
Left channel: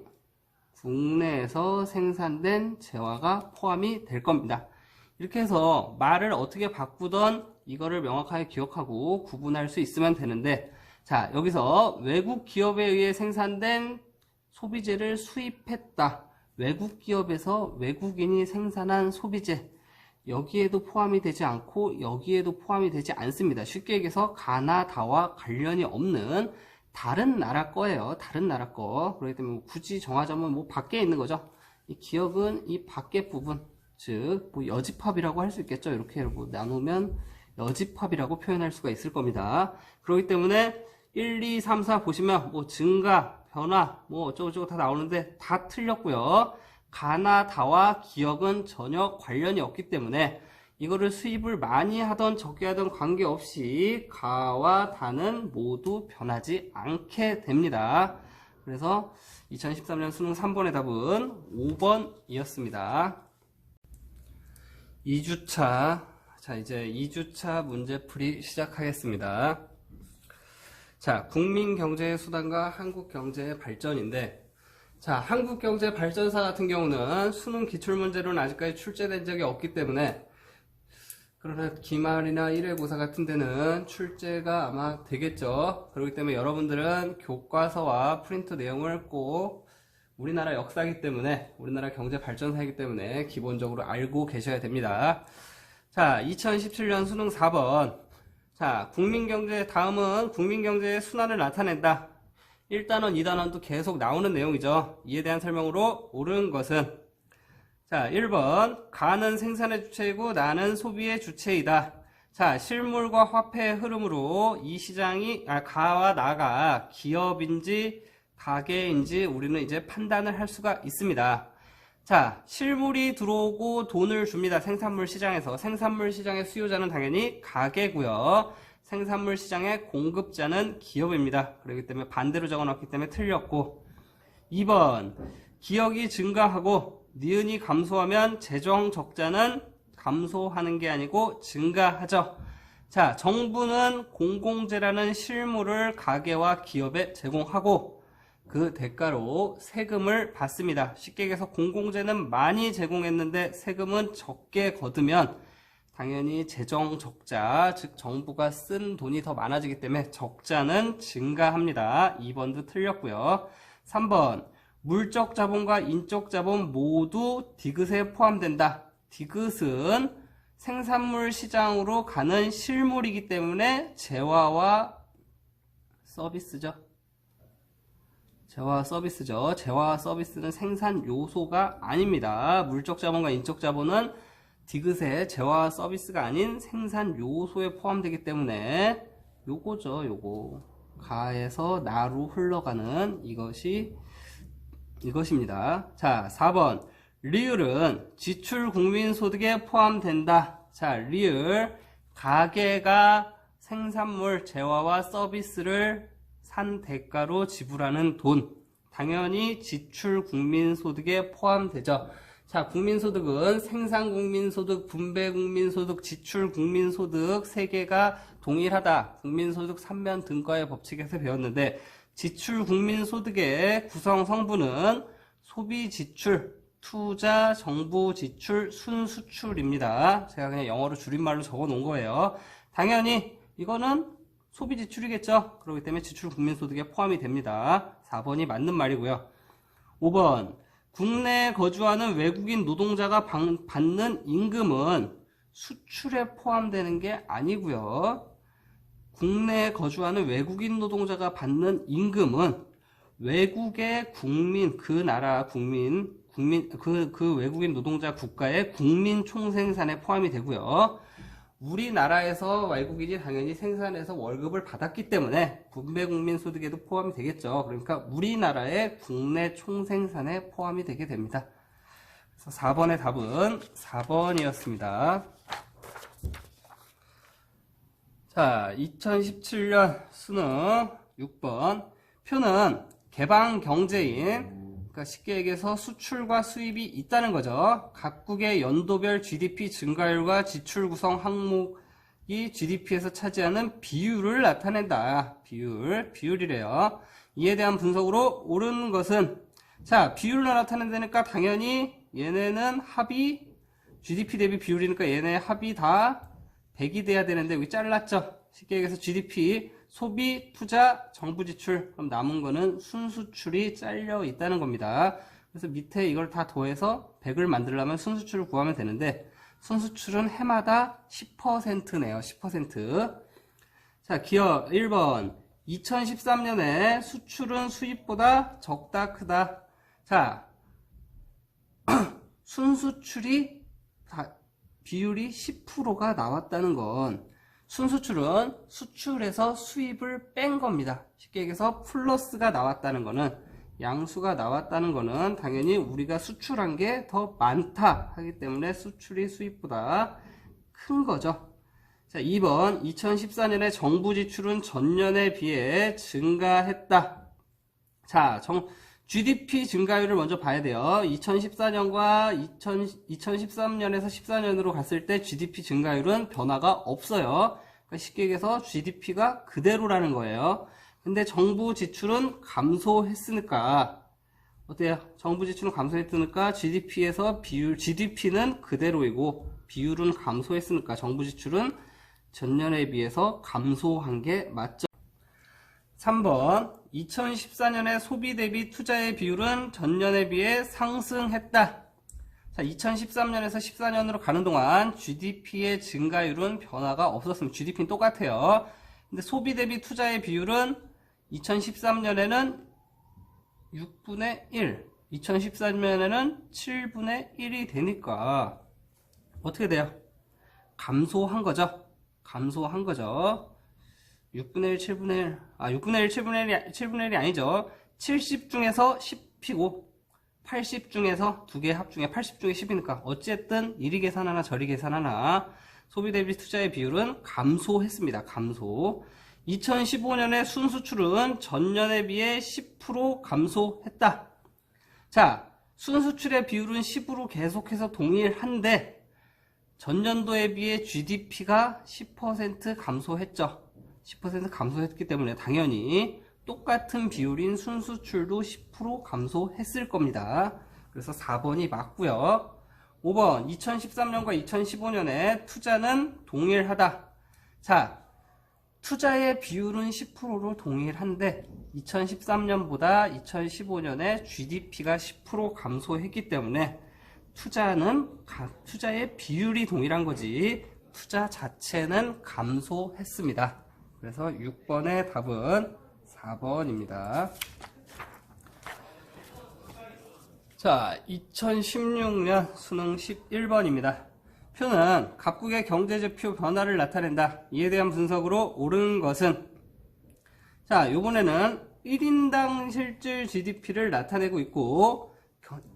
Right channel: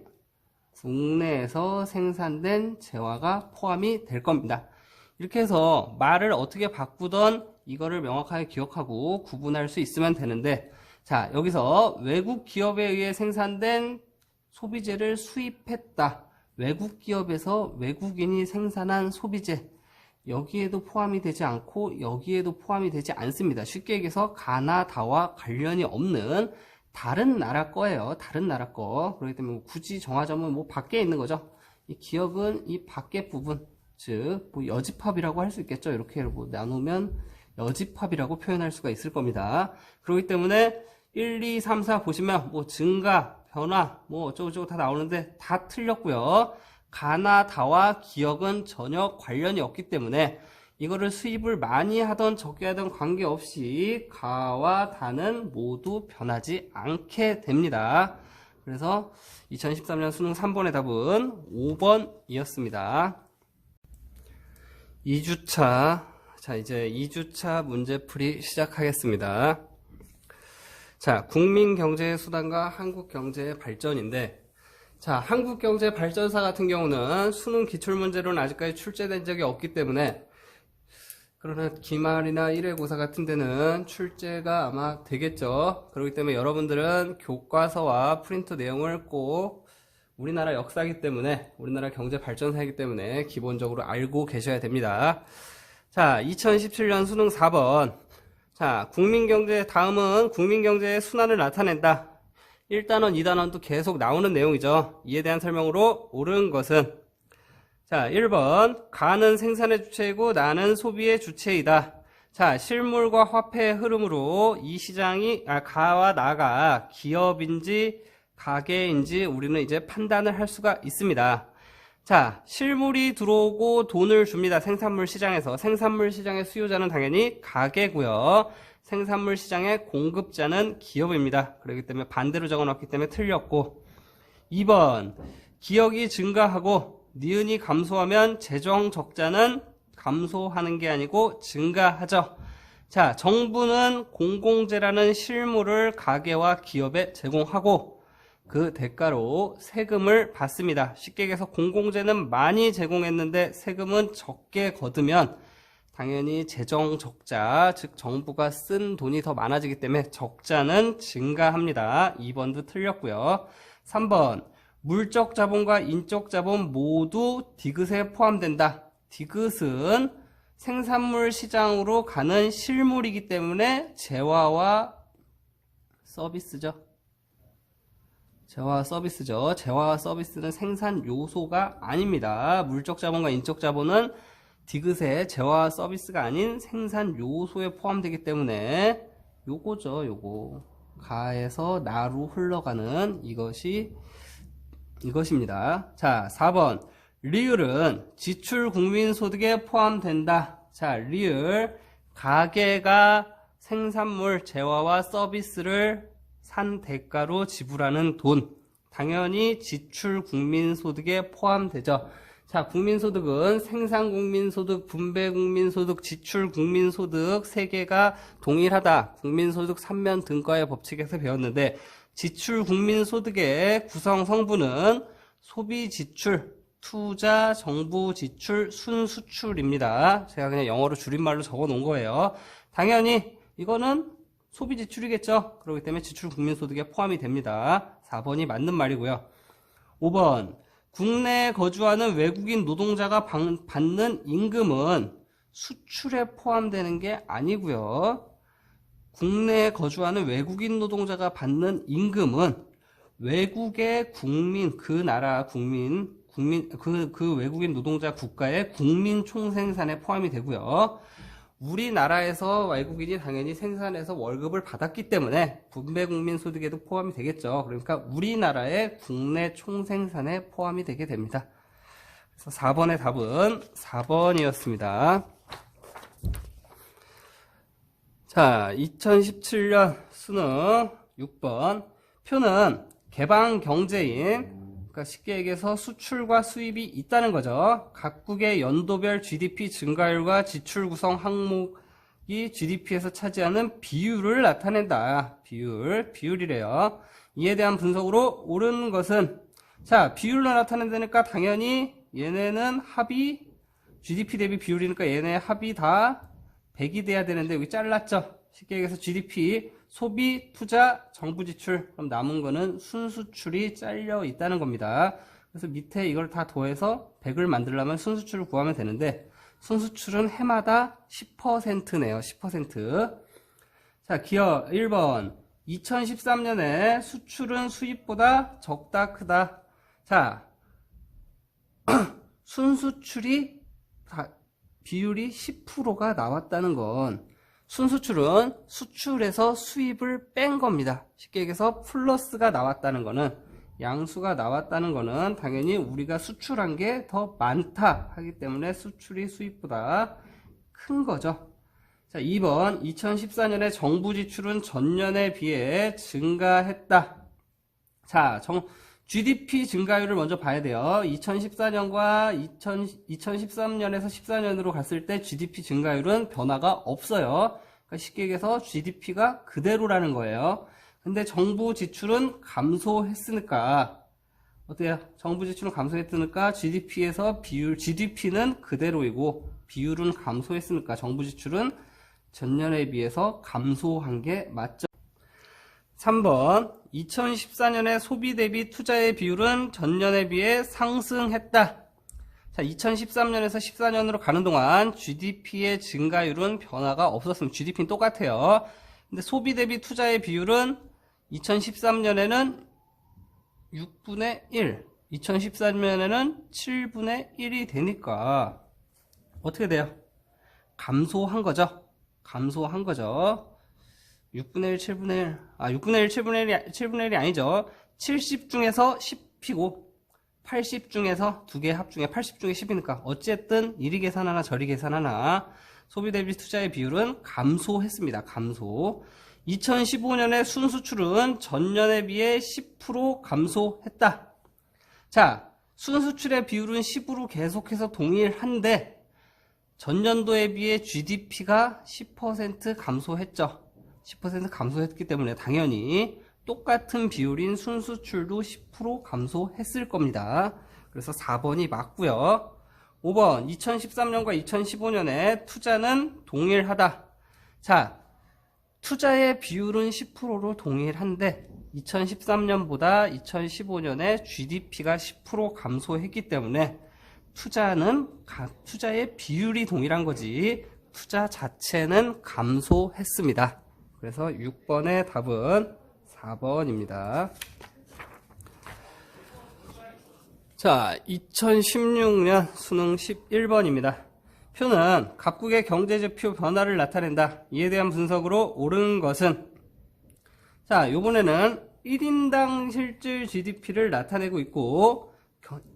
국내에서 생산된 재화가 포함이 될 겁니다. 이렇게 해서 말을 어떻게 바꾸던 이거를 명확하게 기억하고 구분할 수 있으면 되는데, 자, 여기서 외국 기업에 의해 생산된 소비재를 수입했다. 외국 기업에서 외국인이 생산한 소비재, 여기에도 포함이 되지 않고 여기에도 포함이 되지 않습니다. 쉽게 얘기해서 가나다와 관련이 없는 다른 나라 거예요. 다른 나라 거. 그렇기 때문에 굳이 정하자면 뭐 밖에 있는 거죠. 이 기억은 이 밖에 부분, 즉 뭐 여집합이라고 할 수 있겠죠. 이렇게 뭐 나누면 여집합이라고 표현할 수가 있을 겁니다. 그렇기 때문에 1, 2, 3, 4 보시면 뭐 증가, 변화, 뭐 어쩌고저쩌고 다 나오는데 다 틀렸고요. 가나다와 기억은 전혀 관련이 없기 때문에 이거를 수입을 많이 하던 적게 하던 관계없이 가와 다는 모두 변하지 않게 됩니다. 그래서 2013년 수능 3번의 답은 5번이었습니다. 2주차. 자, 이제 2주차 문제풀이 시작하겠습니다. 자, 국민경제수단과 한국경제의 발전인데, 자, 한국경제발전사 같은 경우는 수능 기출문제로는 아직까지 출제된 적이 없기 때문에, 그러나 기말이나 1회고사 같은 데는 출제가 아마 되겠죠. 그렇기 때문에 여러분들은 교과서와 프린트 내용을 꼭 우리나라 역사이기 때문에, 우리나라 경제발전사이기 때문에 기본적으로 알고 계셔야 됩니다. 자, 2017년 수능 4번. 자, 국민경제, 다음은 국민경제의 순환을 나타낸다. 1단원, 2단원도 계속 나오는 내용이죠. 이에 대한 설명으로 옳은 것은, 자, 1번 가는 생산의 주체이고 나는 소비의 주체이다. 자, 실물과 화폐의 흐름으로 이 시장이 가와 나가 기업인지 가계인지 우리는 이제 판단을 할 수가 있습니다. 자, 실물이 들어오고 돈을 줍니다. 생산물 시장에서. 생산물 시장의 수요자는 당연히 가계고요. 생산물 시장의 공급자는 기업입니다. 그렇기 때문에 반대로 적어놨기 때문에 틀렸고, 2번 기억이 증가하고 니은이 감소하면 재정 적자는 감소하는 게 아니고 증가하죠. 자, 정부는 공공재라는 실물을 가계와 기업에 제공하고 그 대가로 세금을 받습니다. 쉽게 얘기해서 공공재는 많이 제공했는데 세금은 적게 거두면 당연히 재정 적자, 즉 정부가 쓴 돈이 더 많아지기 때문에 적자는 증가합니다. 2번도 틀렸고요. 3번 물적 자본과 인적 자본 모두 디귿에 포함된다. 디귿은 생산물 시장으로 가는 실물이기 때문에 재화와 서비스죠. 재화와 서비스죠. 재화와 서비스는 생산 요소가 아닙니다. 물적 자본과 인적 자본은 디귿의 재화와 서비스가 아닌 생산 요소에 포함되기 때문에 요거죠. 요거 가에서 나로 흘러가는 이것입니다. 자, 4번 리을은 지출 국민소득에 포함된다. 자, 리을 가계가 생산물 재화와 서비스를 산 대가로 지불하는 돈, 당연히 지출 국민소득에 포함되죠. 자, 국민소득은 생산국민소득, 분배국민소득, 지출국민소득 세 개가 동일하다. 국민소득 3면 등과의 법칙에서 배웠는데 지출국민소득의 구성 성분은 소비지출, 투자, 정부지출, 순수출입니다. 제가 그냥 영어로 줄임말로 적어 놓은 거예요. 당연히 이거는 소비지출이겠죠. 그렇기 때문에 지출국민소득에 포함이 됩니다. 4번이 맞는 말이고요. 5번 국내에 거주하는 외국인 노동자가 받는 임금은 수출에 포함되는 게 아니고요. 국내에 거주하는 외국인 노동자가 받는 임금은 외국의 국민, 그 나라 국민, 그 외국인 노동자 국가의 국민 총생산에 포함이 되고요. 우리나라에서 외국인이 당연히 생산해서 월급을 받았기 때문에 분배국민소득에도 포함이 되겠죠. 그러니까 우리나라의 국내 총생산에 포함이 되게 됩니다. 그래서 4번의 답은 4번이었습니다. 자, 2017년 수능 6번 표는 개방 경제인, 그러니까 쉽게 얘기해서 수출과 수입이 있다는 거죠. 각국의 연도별 GDP 증가율과 지출 구성 항목이 GDP에서 차지하는 비율을 나타낸다. 비율이래요. 이에 대한 분석으로 옳은 것은, 자, 비율로 나타낸다니까 당연히 얘네는 합이 GDP 대비 비율이니까 얘네 합이 다 100이 돼야 되는데 여기 잘랐죠. 쉽게 얘기해서 GDP, 소비, 투자, 정부 지출, 그럼 남은 거는 순수출이 잘려 있다는 겁니다. 그래서 밑에 이걸 다 더해서 100을 만들려면 순수출을 구하면 되는데 순수출은 해마다 10%네요. 10%. 자, 기억 1번. 2013년에 수출은 수입보다 적다, 크다. 자, 순수출이 비율이 10%가 나왔다는 건 순수출은 수출에서 수입을 뺀 겁니다. 쉽게 얘기해서 플러스가 나왔다는 거는, 양수가 나왔다는 거는 당연히 우리가 수출한 게 더 많다 하기 때문에 수출이 수입보다 큰 거죠. 자, 2번. 2014년에 정부 지출은 전년에 비해 증가했다. 자, GDP 증가율을 먼저 봐야 돼요. 2014년과 2013년에서 14년으로 갔을 때 GDP 증가율은 변화가 없어요. 그러니까 쉽게 얘기해서 GDP가 그대로라는 거예요. 근데 정부 지출은 감소했으니까, 어때요? 정부 지출은 감소했으니까 GDP에서 GDP는 그대로이고 비율은 감소했으니까 정부 지출은 전년에 비해서 감소한 게 맞죠. 3번. 2014년에 소비 대비 투자의 비율은 전년에 비해 상승했다. 자, 2013년에서 14년으로 가는 동안 GDP의 증가율은 변화가 없었습니다. GDP는 똑같아요. 근데 소비 대비 투자의 비율은 2013년에는 6분의 1, 2014년에는 7분의 1이 되니까 어떻게 돼요? 감소한 거죠. 6분의 1, 7분의 1. 6분의 1, 7분의 1이 아니죠. 70 중에서 10이고, 80 중에서 2개 합중에 80 중에 10이니까, 어쨌든 이리 계산하나 저리 계산하나, 소비 대비 투자의 비율은 감소했습니다. 감소. 2015년에 순수출은 전년에 비해 10% 감소했다. 자, 순수출의 비율은 10으로 계속해서 동일한데, 전년도에 비해 GDP가 10% 감소했죠. 10% 감소했기 때문에 당연히 똑같은 비율인 순수출도 10% 감소했을 겁니다. 그래서 4번이 맞고요. 5번. 2013년과 2015년에 투자는 동일하다. 자, 투자의 비율은 10%로 동일한데 2013년보다 2015년에 GDP가 10% 감소했기 때문에 투자의 비율이 동일한 거지 투자 자체는 감소했습니다. 그래서 6번의 답은 4번입니다. 자, 2016년 수능 11번입니다. 표는 각국의 경제지표 변화를 나타낸다. 이에 대한 분석으로 옳은 것은, 자, 요번에는 1인당 실질 GDP를 나타내고 있고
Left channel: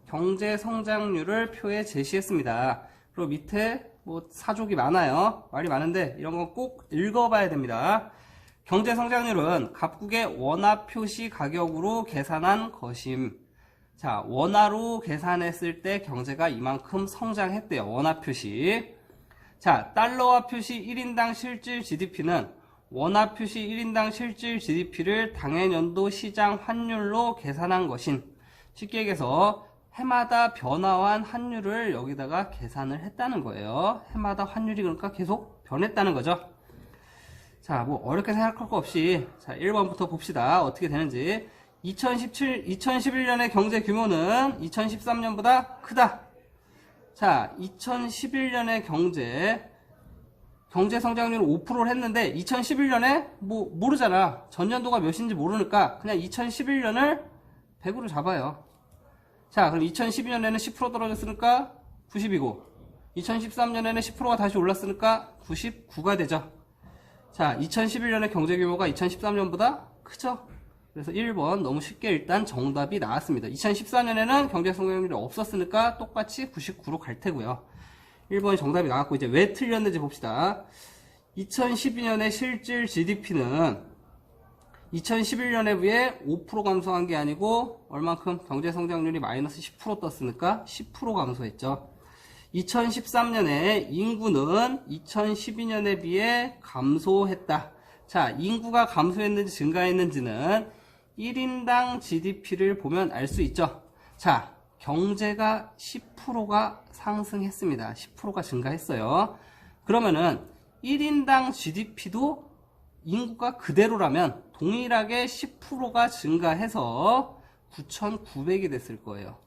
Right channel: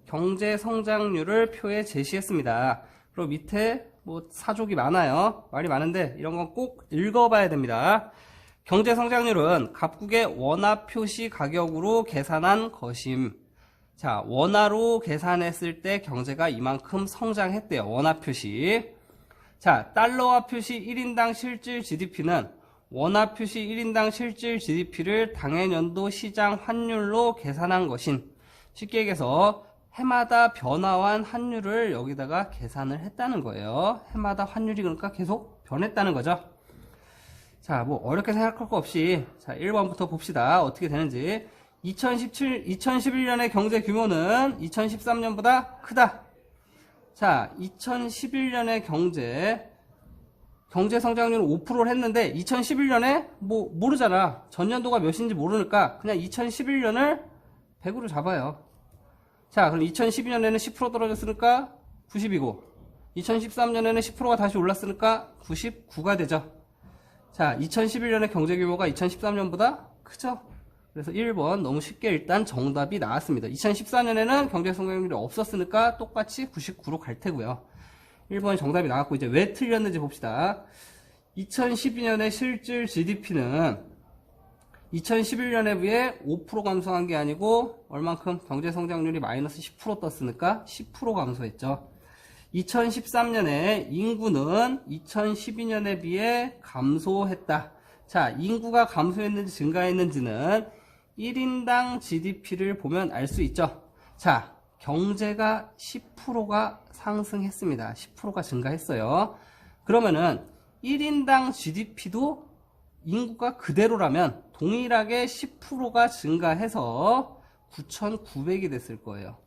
경제 성장률을 표에 제시했습니다. 그리고 밑에 뭐 사족이 많아요. 말이 많은데 이런 건 꼭 읽어봐야 됩니다. 경제 성장률은 각국의 원화 표시 가격으로 계산한 것임. 자, 원화로 계산했을 때 경제가 이만큼 성장했대요. 원화 표시. 자, 달러화 표시 1인당 실질 GDP는 원화 표시 1인당 실질 GDP를 당해년도 시장 환율로 계산한 것인. 쉽게 얘기해서 해마다 변화한 환율을 여기다가 계산을 했다는 거예요. 해마다 환율이 그러니까 계속 변했다는 거죠. 자, 뭐 어렵게 생각할 거 없이 자, 1번부터 봅시다. 어떻게 되는지. 2011년의 경제 규모는 2013년보다 크다. 자, 2011년의 경제 성장률은 5%를 했는데 2011년에 뭐 모르잖아. 전년도가 몇인지 모르니까 그냥 2011년을 100으로 잡아요. 자, 그럼 2012년에는 10% 떨어졌으니까 90이고 2013년에는 10%가 다시 올랐으니까 99가 되죠. 자, 2011년의 경제 규모가 2013년보다 크죠. 그래서 1번 너무 쉽게 일단 정답이 나왔습니다. 2014년에는 경제 성장률이 없었으니까 똑같이 99로 갈 테고요. 1번이 정답이 나왔고 이제 왜 틀렸는지 봅시다. 2012년에 실질 GDP는 2011년에 비해 5% 감소한 게 아니고 얼만큼 경제성장률이 마이너스 10% 떴으니까 10% 감소했죠. 2013년에 인구는 2012년에 비해 감소했다. 자, 인구가 감소했는지 증가했는지는 1인당 GDP를 보면 알 수 있죠. 자, 경제가 10%가 상승했습니다. 10%가 증가했어요. 그러면은 1인당 GDP도 인구가 그대로라면 동일하게 10%가 증가해서 9,900이 됐을 거예요.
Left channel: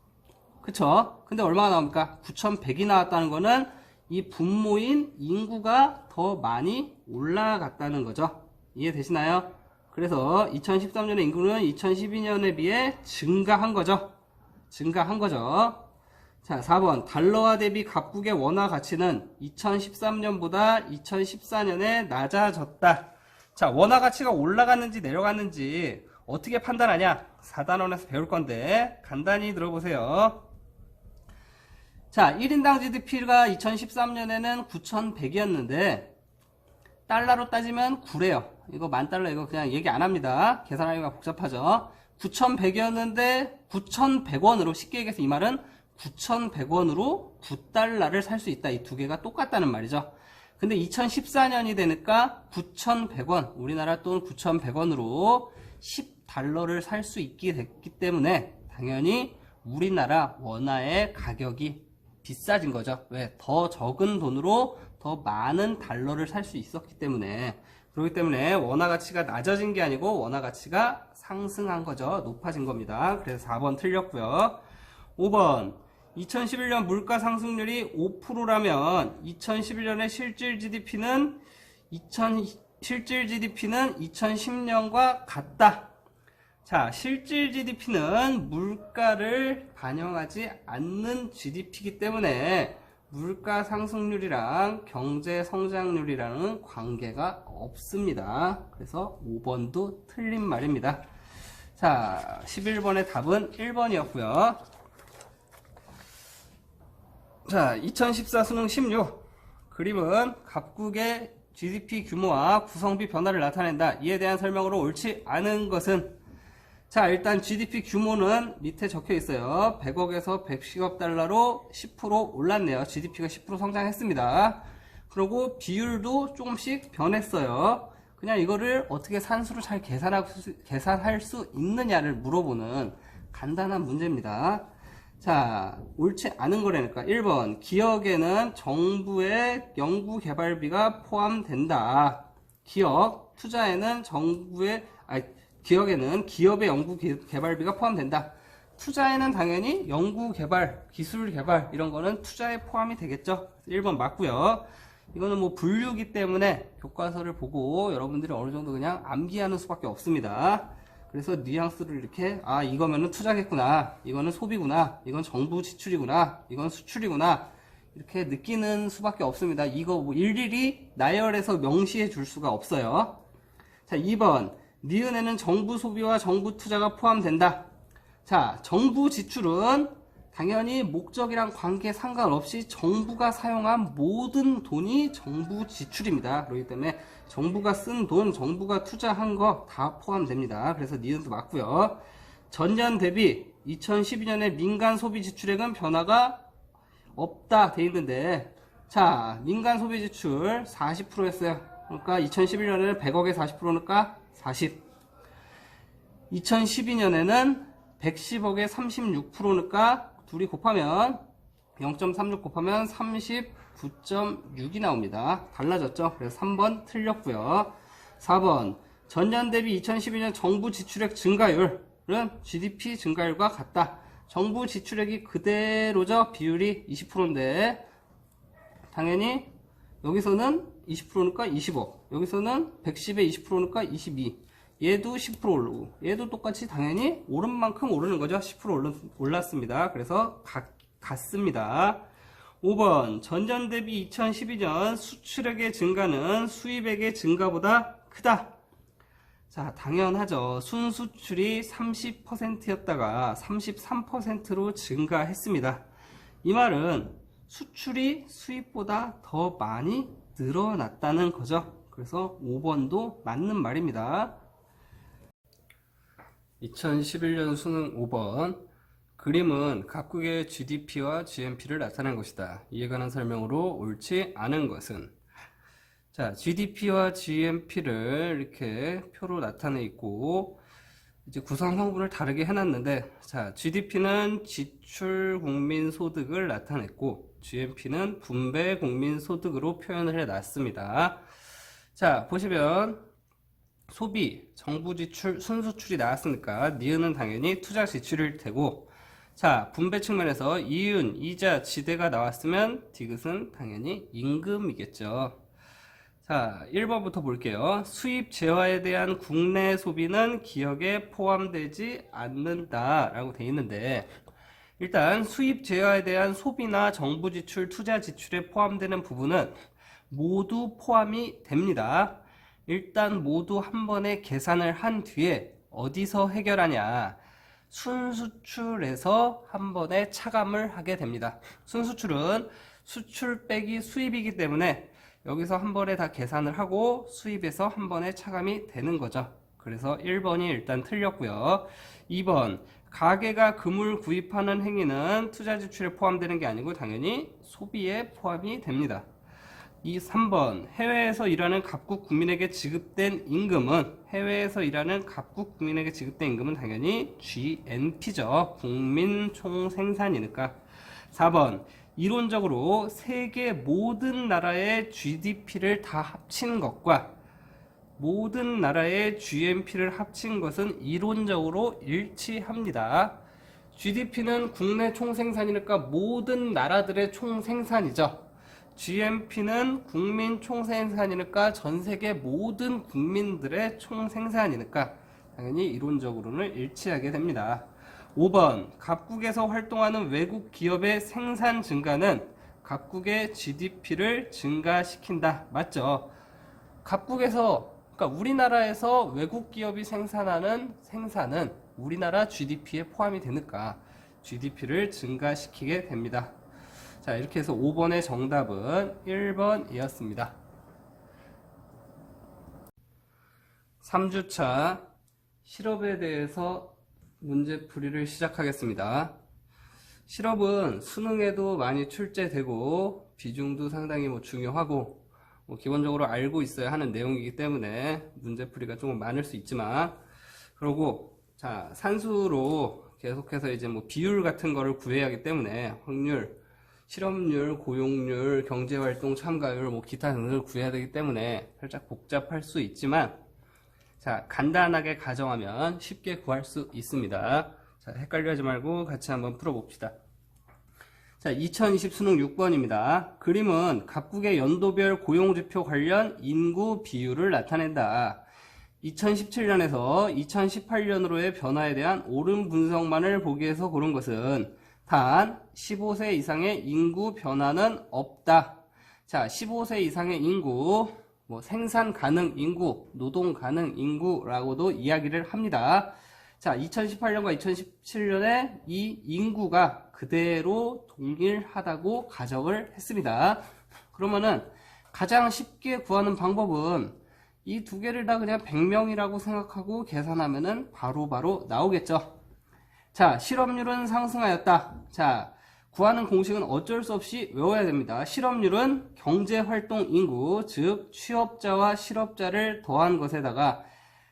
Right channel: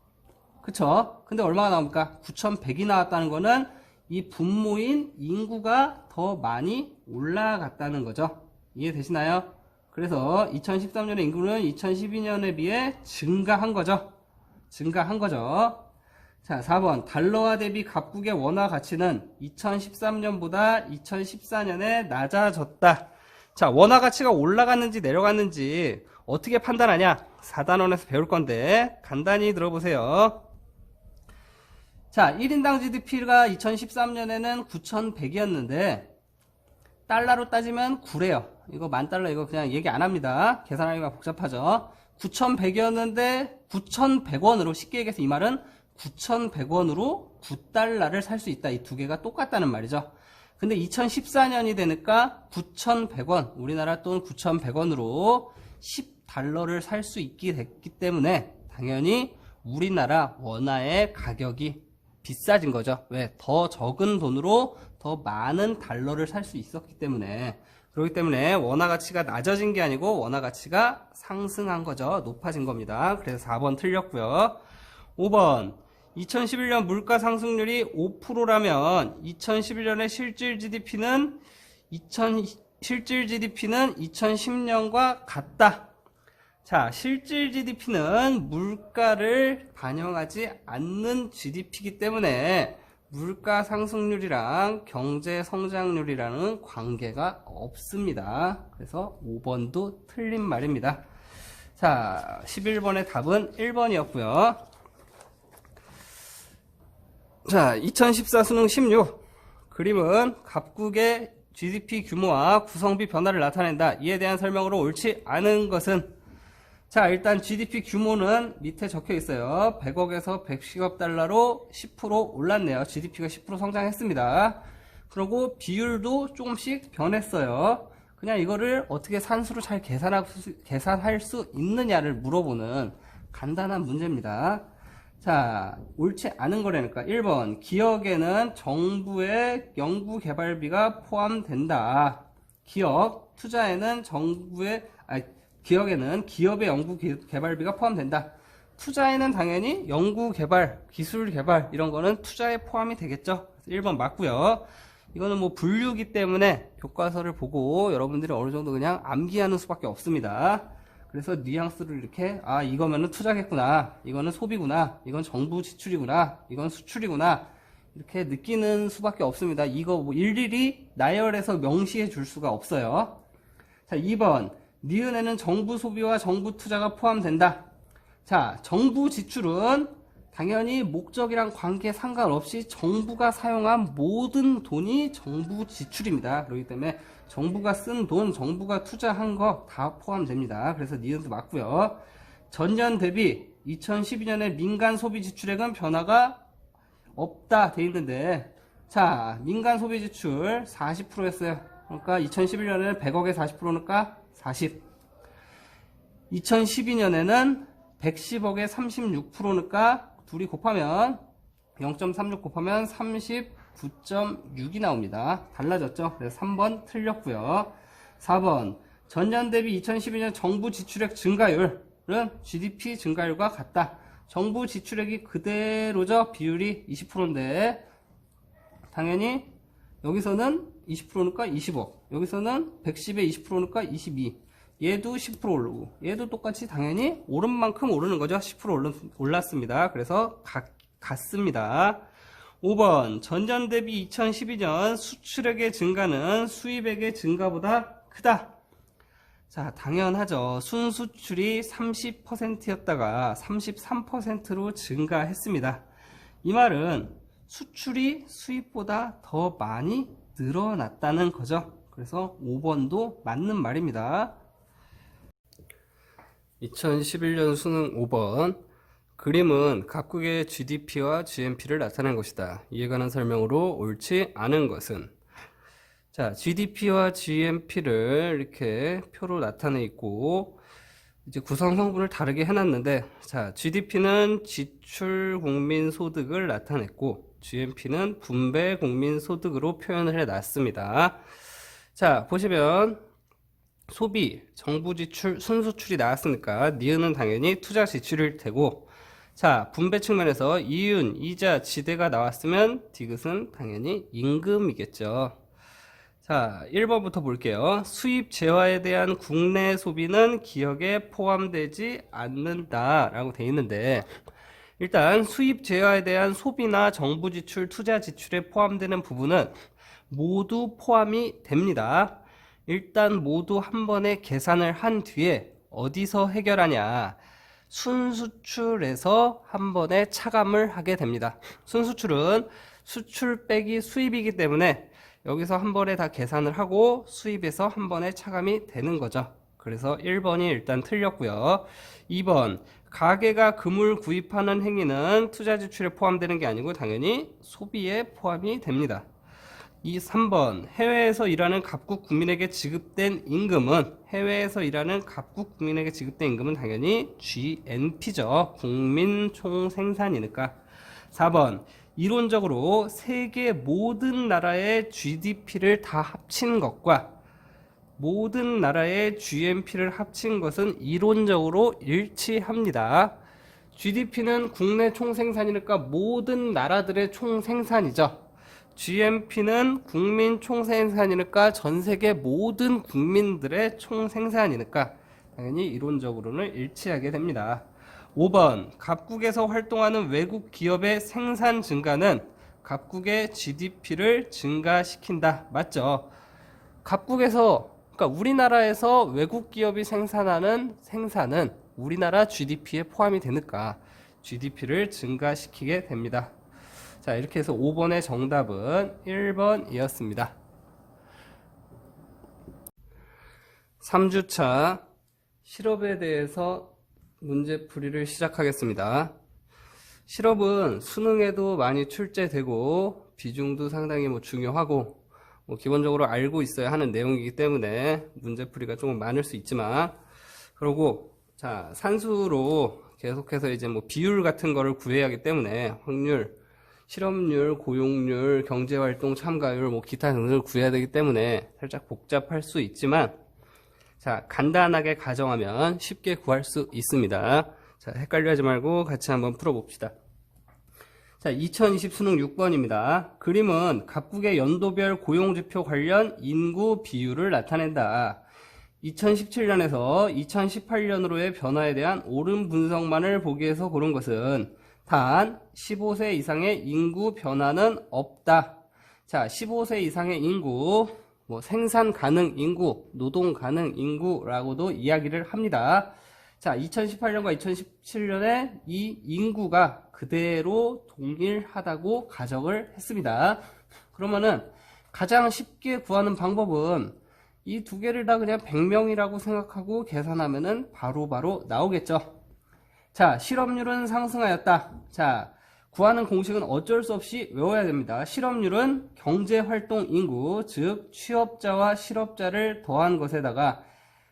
그쵸? 근데 얼마나 나옵니까? 9,100이 나왔다는 거는 이 분모인 인구가 더 많이 올라갔다는 거죠. 이해되시나요? 그래서 2013년의 인구는 2012년에 비해 증가한 거죠. 증가한 거죠. 자, 4번. 달러화 대비 각국의 원화 가치는 2013년보다 2014년에 낮아졌다. 자, 원화 가치가 올라갔는지 내려갔는지 어떻게 판단하냐? 4단원에서 배울 건데 간단히 들어보세요. 자, 1인당 GDP가 2013년에는 9,100이었는데 달러로 따지면 9래요. 이거 $10,000 이거 그냥 얘기 안 합니다. 계산하기가 복잡하죠. 9,100이었는데 9,100원으로 쉽게 얘기해서 이 말은 9,100원으로 9달러를 살 수 있다. 이 두 개가 똑같다는 말이죠. 근데 2014년이 되니까 9,100원, 우리나라 돈 9,100원으로 10달러를 살 수 있게 됐기 때문에 당연히 우리나라 원화의 가격이 비싸진 거죠. 왜? 더 적은 돈으로 더 많은 달러를 살 수 있었기 때문에. 그렇기 때문에 원화 가치가 낮아진 게 아니고 원화 가치가 상승한 거죠. 높아진 겁니다. 그래서 4번 틀렸고요. 5번. 2011년 물가 상승률이 5%라면 2011년의 실질 GDP는 2010년과 같다. 자, 실질 GDP는 물가를 반영하지 않는 GDP이기 때문에 물가 상승률이랑 경제 성장률이라는 관계가 없습니다. 그래서 5번도 틀린 말입니다. 자, 11번의 답은 1번이었고요. 자, 2014 수능 16 그림은 각국의 GDP 규모와 구성비 변화를 나타낸다. 이에 대한 설명으로 옳지 않은 것은, 자, 일단 GDP 규모는 밑에 적혀 있어요. 100억에서 110억 달러로 10% 올랐네요. GDP가 10% 성장했습니다. 그리고 비율도 조금씩 변했어요. 그냥 이거를 어떻게 산수로 잘 계산할 수 있느냐를 물어보는 간단한 문제입니다. 자, 옳지 않은 거라니까. 1번. 기업에는 정부의 연구개발비가 포함된다. 투자에는 기업에는 기업의 연구개발비가 포함된다. 투자에는 당연히 연구개발, 기술개발 이런 거는 투자에 포함이 되겠죠. 1번 맞고요. 이거는 뭐 분류기 때문에 교과서를 보고 여러분들이 어느 정도 그냥 암기하는 수밖에 없습니다. 그래서 뉘앙스를 이렇게, 아, 이거면은 투자겠구나, 이거는 소비구나, 이건 정부 지출이구나, 이건 수출이구나, 이렇게 느끼는 수밖에 없습니다. 이거 뭐 일일이 나열해서 명시해 줄 수가 없어요. 자, 2번. 니은에는 정부 소비와 정부 투자가 포함된다. 자, 정부 지출은 당연히 목적이랑 관계 상관없이 정부가 사용한 모든 돈이 정부 지출입니다. 그렇기 때문에 정부가 쓴 돈, 정부가 투자한 거 다 포함됩니다. 그래서 니은도 맞고요. 전년 대비 2012년에 민간 소비 지출액은 변화가 없다 돼 있는데, 자, 민간 소비 지출 40%였어요. 그러니까 2011년에는 100억에 40%니까 40. 2012년에는 110억에 36%니까 둘이 곱하면 0.36 곱하면 39.6이 나옵니다. 달라졌죠? 그래서 3번 틀렸고요. 4번. 전년 대비 2012년 정부 지출액 증가율은 GDP 증가율과 같다. 정부 지출액이 그대로죠. 비율이 20%인데 당연히 여기서는 20%니까 20억, 여기서는 110에 20%니까 22. 얘도 10% 오르고 얘도 똑같이 당연히 오른 만큼 오르는 거죠. 10% 올랐습니다. 그래서 같습니다. 5번. 전년 대비 2012년 수출액의 증가는 수입액의 증가보다 크다. 자, 당연하죠. 순수출이 30%였다가 33%로 증가했습니다. 이 말은 수출이 수입보다 더 많이 늘어났다는 거죠. 그래서 5번도 맞는 말입니다. 2011년 수능 5번. 그림은 각국의 GDP와 GNP를 나타낸 것이다. 이에 관한 설명으로 옳지 않은 것은? 자, GDP와 GNP를 이렇게 표로 나타내 있고, 이제 구성 성분을 다르게 해놨는데, 자, GDP는 지출 국민 소득을 나타냈고, GNP는 분배 국민 소득으로 표현을 해놨습니다. 자, 보시면 소비, 정부 지출, 순수출이 나왔으니까 니은은 당연히 투자 지출일 테고, 자, 분배 측면에서 이윤, 이자, 지대가 나왔으면 디귿은 당연히 임금이겠죠. 자, 1번부터 볼게요. 수입 재화에 대한 국내 소비는 기억에 포함되지 않는다 라고 되어 있는데, 일단 수입 재화에 대한 소비나 정부 지출, 투자 지출에 포함되는 부분은 모두 포함이 됩니다. 일단 모두 한 번에 계산을 한 뒤에 어디서 해결하냐? 순수출에서 한 번에 차감을 하게 됩니다. 순수출은 수출 빼기 수입이기 때문에 여기서 한 번에 다 계산을 하고 수입에서 한 번에 차감이 되는 거죠. 그래서 1번이 일단 틀렸고요. 2번, 가게가 금을 구입하는 행위는 투자 지출에 포함되는 게 아니고 당연히 소비에 포함이 됩니다. 3번, 해외에서 일하는 각국 국민에게 지급된 임금은 당연히 GNP죠. 국민 총생산이니까. 4번, 이론적으로 세계 모든 나라의 GDP를 다 합친 것과 모든 나라의 GNP를 합친 것은 이론적으로 일치합니다. GDP는 국내 총생산이니까 모든 나라들의 총생산이죠. GNP는 국민 총생산이니까 전 세계 모든 국민들의 총생산이니까 당연히 이론적으로는 일치하게 됩니다. 5번, 각국에서 활동하는 외국 기업의 생산 증가는 각국의 GDP를 증가시킨다. 맞죠? 각국에서, 그러니까 우리나라에서 외국 기업이 생산하는 생산은 우리나라 GDP에 포함이 되니까 GDP를 증가시키게 됩니다. 자, 이렇게 해서 5번의 정답은 1번이었습니다. 3주차 실업에 대해서 문제풀이를 시작하겠습니다. 실업은 수능에도 많이 출제되고 비중도 상당히 중요하고 기본적으로 알고 있어야 하는 내용이기 때문에 문제풀이가 조금 많을 수 있지만, 그리고 자, 산수로 계속해서 이제 비율 같은 거를 구해야 하기 때문에 확률, 실업률, 고용률, 경제활동 참가율, 기타 등등을 구해야 되기 때문에 살짝 복잡할 수 있지만, 자, 간단하게 가정하면 쉽게 구할 수 있습니다. 자, 헷갈려 하지 말고 같이 한번 풀어봅시다. 자, 2020 수능 6번입니다. 그림은 각국의 연도별 고용지표 관련 인구 비율을 나타낸다. 2017년에서 2018년으로의 변화에 대한 옳은 분석만을 보기 위해서 고른 것은 단 15세 이상의 인구 변화는 없다. 자, 15세 이상의 인구, 생산 가능 인구, 노동 가능 인구라고도 이야기를 합니다. 자, 2018년과 2017년에 이 인구가 그대로 동일하다고 가정을 했습니다. 그러면은 가장 쉽게 구하는 방법은 이 두 개를 다 그냥 100명이라고 생각하고 계산하면은 바로바로 나오겠죠. 자, 실업률은 상승하였다. 자, 구하는 공식은 어쩔 수 없이 외워야 됩니다. 실업률은 경제활동 인구, 즉 취업자와 실업자를 더한 것에다가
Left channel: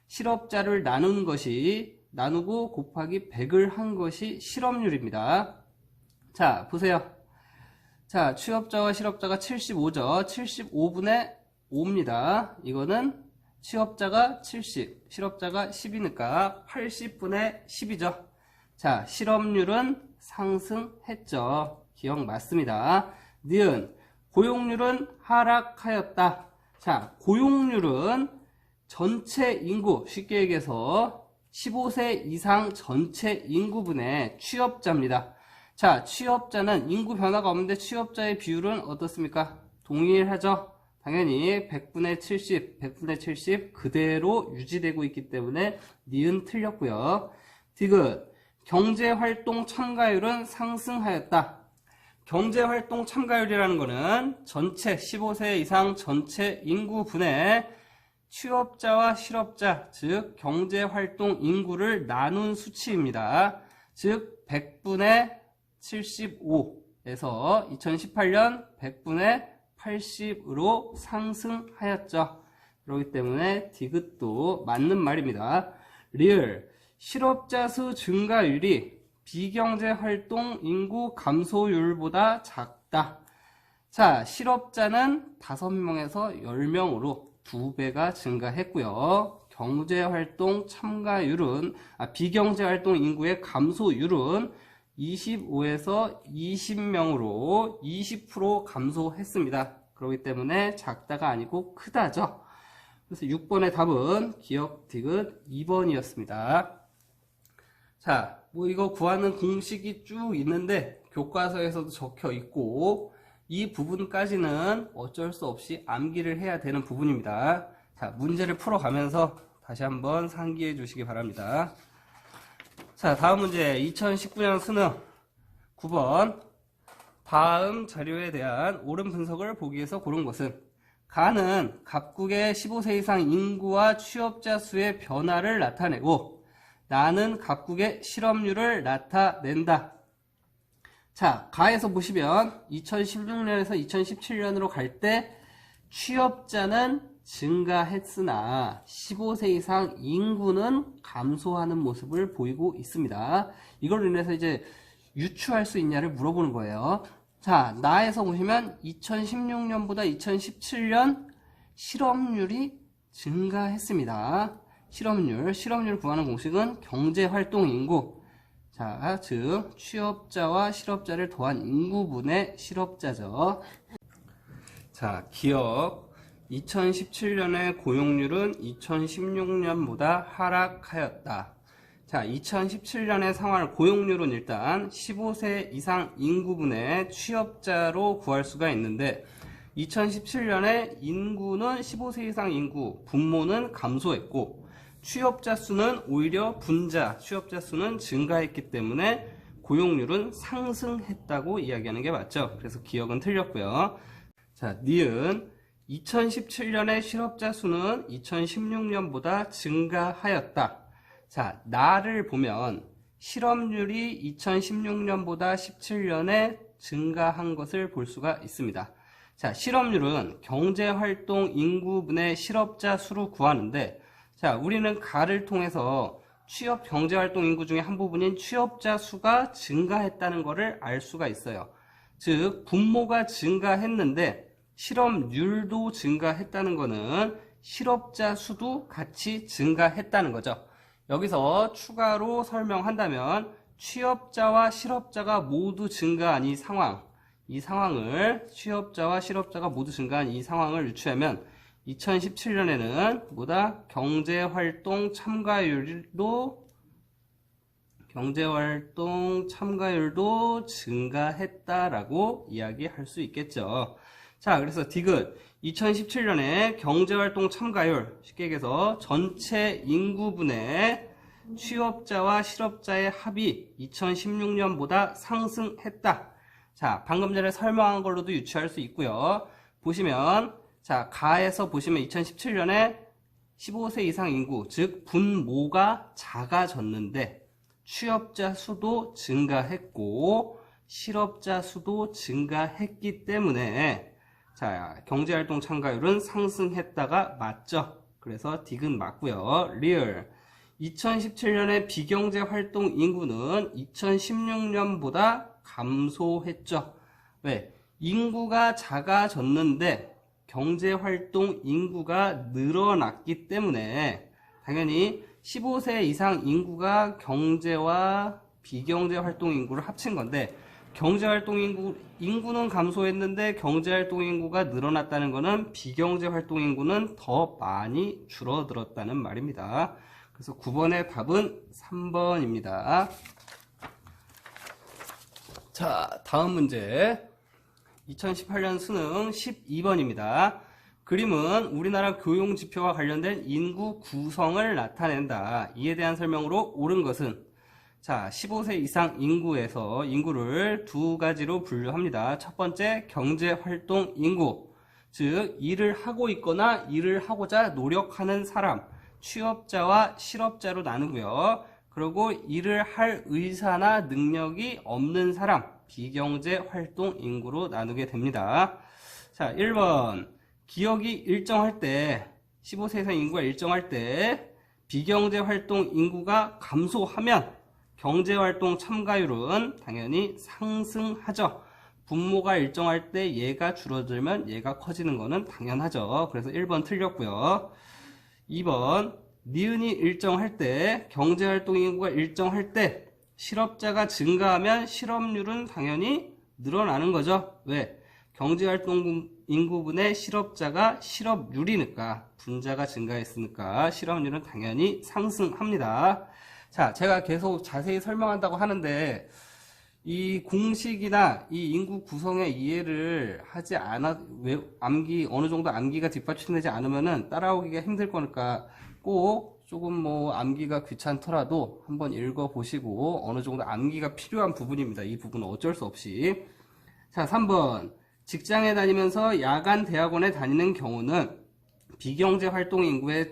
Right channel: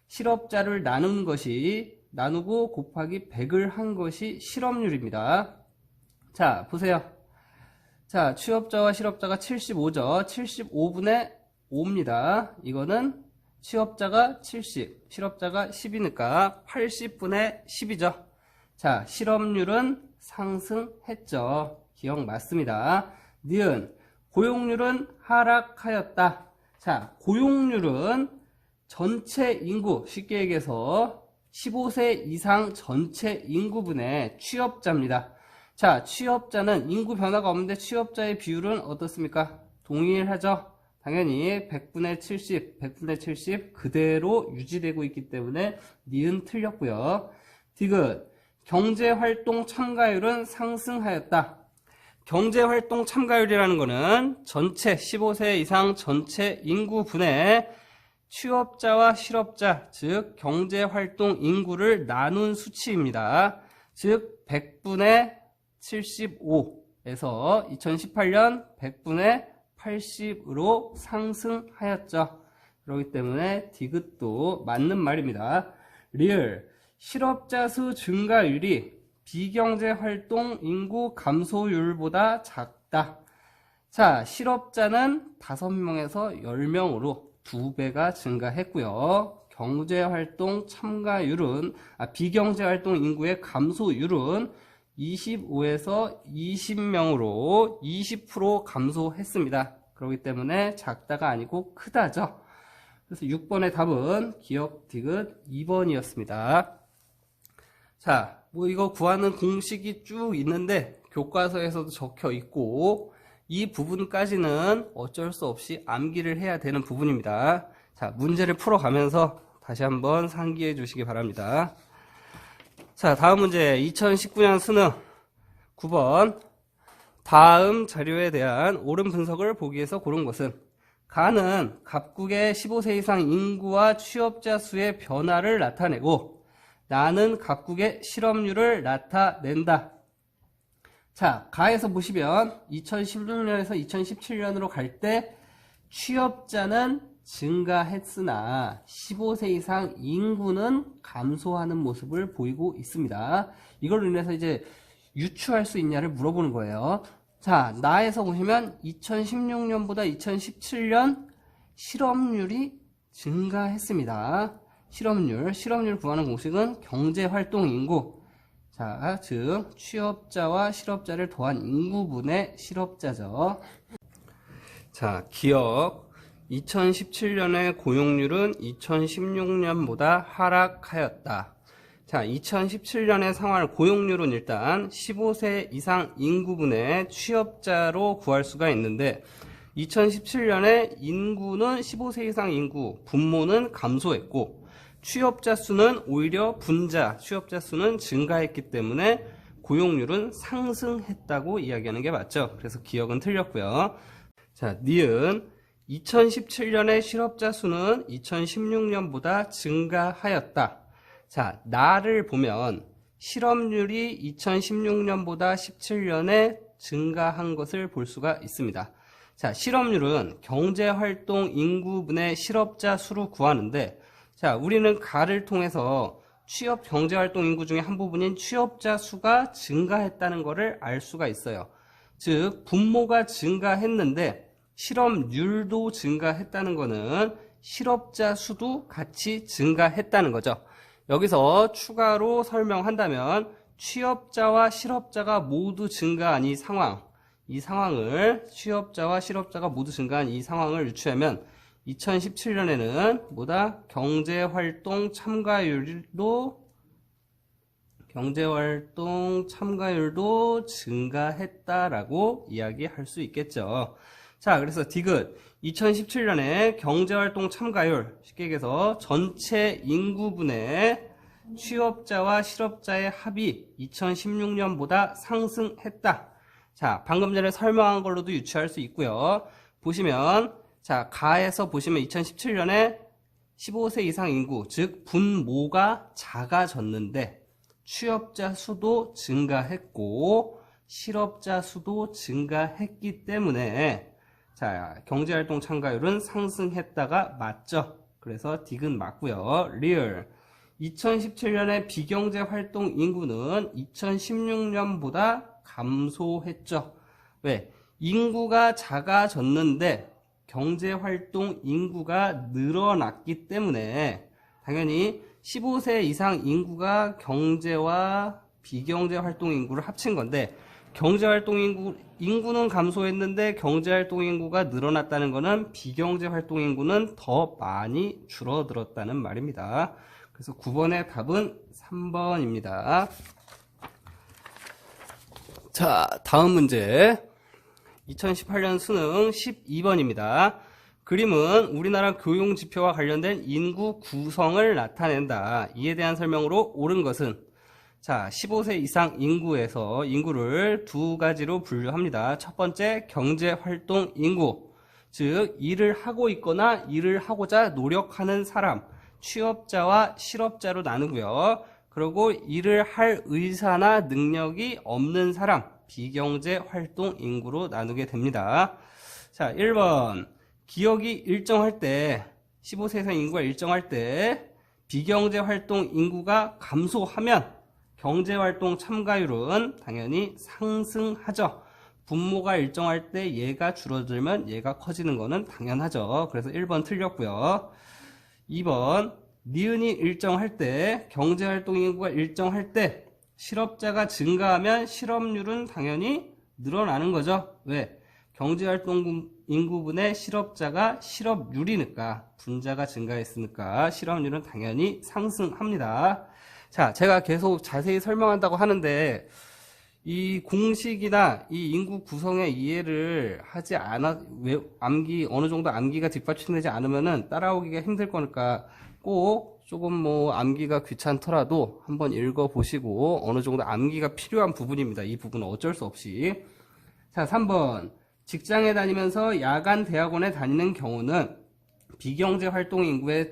실업자를 나누고 곱하기 100을 한 것이 실업률입니다. 자, 보세요. 자, 취업자와 실업자가 75죠. 75분의 5입니다. 이거는 취업자가 70, 실업자가 10이니까 80분의 10이죠. 자, 실업률은 상승했죠. 기억 맞습니다. 니은, 고용률은 하락하였다. 자, 고용률은 전체 인구, 쉽게 얘기해서 15세 이상 전체 인구분의 취업자입니다. 자, 취업자는 인구 변화가 없는데 취업자의 비율은 어떻습니까? 동일하죠? 당연히 100분의 70 그대로 유지되고 있기 때문에 니은 틀렸고요. 디귿, 경제활동 참가율은 상승하였다. 경제활동 참가율이라는 거는 전체 15세 이상 전체 인구분의 취업자와 실업자, 즉 경제활동 인구를 나눈 수치입니다. 즉 100분의 75에서 2018년 100분의 80으로 상승하였죠. 그렇기 때문에 디귿도 맞는 말입니다. 리을, 실업자 수 증가율이 비경제활동 인구 감소율보다 작다. 자, 실업자는 5명에서 10명으로 2배가 증가했고요. 경제활동 참가율은, 비경제활동 인구의 감소율은 25에서 20명으로 20% 감소했습니다. 그렇기 때문에 작다가 아니고 크다죠. 그래서 6번의 답은 기억 디귿 2번이었습니다. 자, 뭐 이거 구하는 공식이 쭉 있는데 교과서에서도 적혀 있고 이 부분까지는 어쩔 수 없이 암기를 해야 되는 부분입니다. 자, 문제를 풀어가면서 다시 한번 상기해 주시기 바랍니다. 자, 다음 문제 2019년 수능 9번. 다음 자료에 대한 옳은 분석을 보기 위해서 고른 것은 가는 각국의 15세 이상 인구와 취업자 수의 변화를 나타내고 나는 각국의 실업률을 나타낸다. 자, 가에서 보시면 2016년에서 2017년으로 갈 때 취업자는 증가했으나 15세 이상 인구는 감소하는 모습을 보이고 있습니다. 이걸로 인해서 이제 유추할 수 있냐를 물어보는 거예요. 자, 나에서 보시면 2016년보다 2017년 실업률이 증가했습니다. 실업률 구하는 공식은 경제활동 인구, 자, 즉 취업자와 실업자를 더한 인구분의 실업자죠. 자, 기억 2017년의 고용률은 2016년보다 하락하였다. 자, 2017년의 상황을 고용률은 일단 15세 이상 인구분의 취업자로 구할 수가 있는데 2017년에 인구는 15세 이상 인구, 분모는 감소했고 취업자 수는 오히려 취업자 수는 증가했기 때문에 고용률은 상승했다고 이야기하는 게 맞죠. 그래서 기억은 틀렸고요. 자, 니은 2017년의 실업자 수는 2016년보다 증가하였다. 자, 나를 보면 실업률이 2016년보다 17년에 증가한 것을 볼 수가 있습니다. 자, 실업률은 경제활동 인구분의 실업자 수로 구하는데 자, 우리는 가를 통해서 경제활동 인구 중에 한 부분인 취업자 수가 증가했다는 것을 알 수가 있어요. 즉, 분모가 증가했는데 실업률도 증가했다는 것은 실업자 수도 같이 증가했다는 거죠. 여기서 추가로 설명한다면 취업자와 실업자가 모두 증가한 이 상황을 취업자와 실업자가 모두 증가한 이 상황을 유추하면 2017년에는 뭐다? 경제활동 참가율도 증가했다라고 이야기할 수 있겠죠. 자, 그래서 디귿 2017년에 경제활동 참가율, 쉽게 얘기해서 전체 인구분의 취업자와 실업자의 합이 2016년보다 상승했다. 자, 방금 전에 설명한 걸로도 유추할 수 있고요. 보시면 자, 가에서 보시면 2017년에 15세 이상 인구, 즉 분모가 작아졌는데 취업자 수도 증가했고 실업자 수도 증가했기 때문에 자, 경제활동 참가율은 상승했다가 맞죠. 그래서 디귿 맞고요. 리얼 2017년에 비경제활동 인구는 2016년보다 감소했죠. 왜? 인구가 작아졌는데 경제활동 인구가 늘어났기 때문에 당연히 15세 이상 인구가 경제와 비경제활동 인구를 합친 건데 경제활동 인구는 감소했는데 경제활동 인구가 늘어났다는 것은 비경제활동 인구는 더 많이 줄어들었다는 말입니다. 그래서 9번의 답은 3번입니다. 자, 다음 문제 2018년 수능 12번입니다. 그림은 우리나라 교육지표와 관련된 인구 구성을 나타낸다. 이에 대한 설명으로 옳은 것은 자, 15세 이상 인구를 두 가지로 분류합니다. 첫 번째, 경제활동 인구. 즉, 일을 하고 있거나 일을 하고자 노력하는 사람, 취업자와 실업자로 나누고요. 그리고 일을 할 의사나 능력이 없는 사람, 비경제활동 인구로 나누게 됩니다. 자, 1번. 기업이 일정할 때, 15세 이상 인구가 일정할 때, 비경제활동 인구가 감소하면 경제활동 참가율은 당연히 상승하죠. 분모가 일정할 때 얘가 줄어들면 얘가 커지는 거는 당연하죠. 그래서 1번 틀렸고요. 2번, 니은이 일정할 때, 경제활동 인구가 일정할 때 실업자가 증가하면 실업률은 당연히 늘어나는 거죠. 왜? 경제활동 인구분의 실업자가 실업률이니까, 분자가 증가했으니까 실업률은 당연히 상승합니다. 자, 제가 계속 자세히 설명한다고 하는데 이 공식이나 이 인구 구성의 이해를 하지 않아, 어느 정도 암기가 뒷받침되지 않으면은 따라오기가 힘들 거니까 꼭 조금 뭐 암기가 귀찮더라도 한번 읽어보시고 어느 정도 암기가 필요한 부분입니다. 이 부분은 어쩔 수 없이. 자, 3번. 직장에 다니면서 야간 대학원에 다니는 경우는 비경제 활동 인구에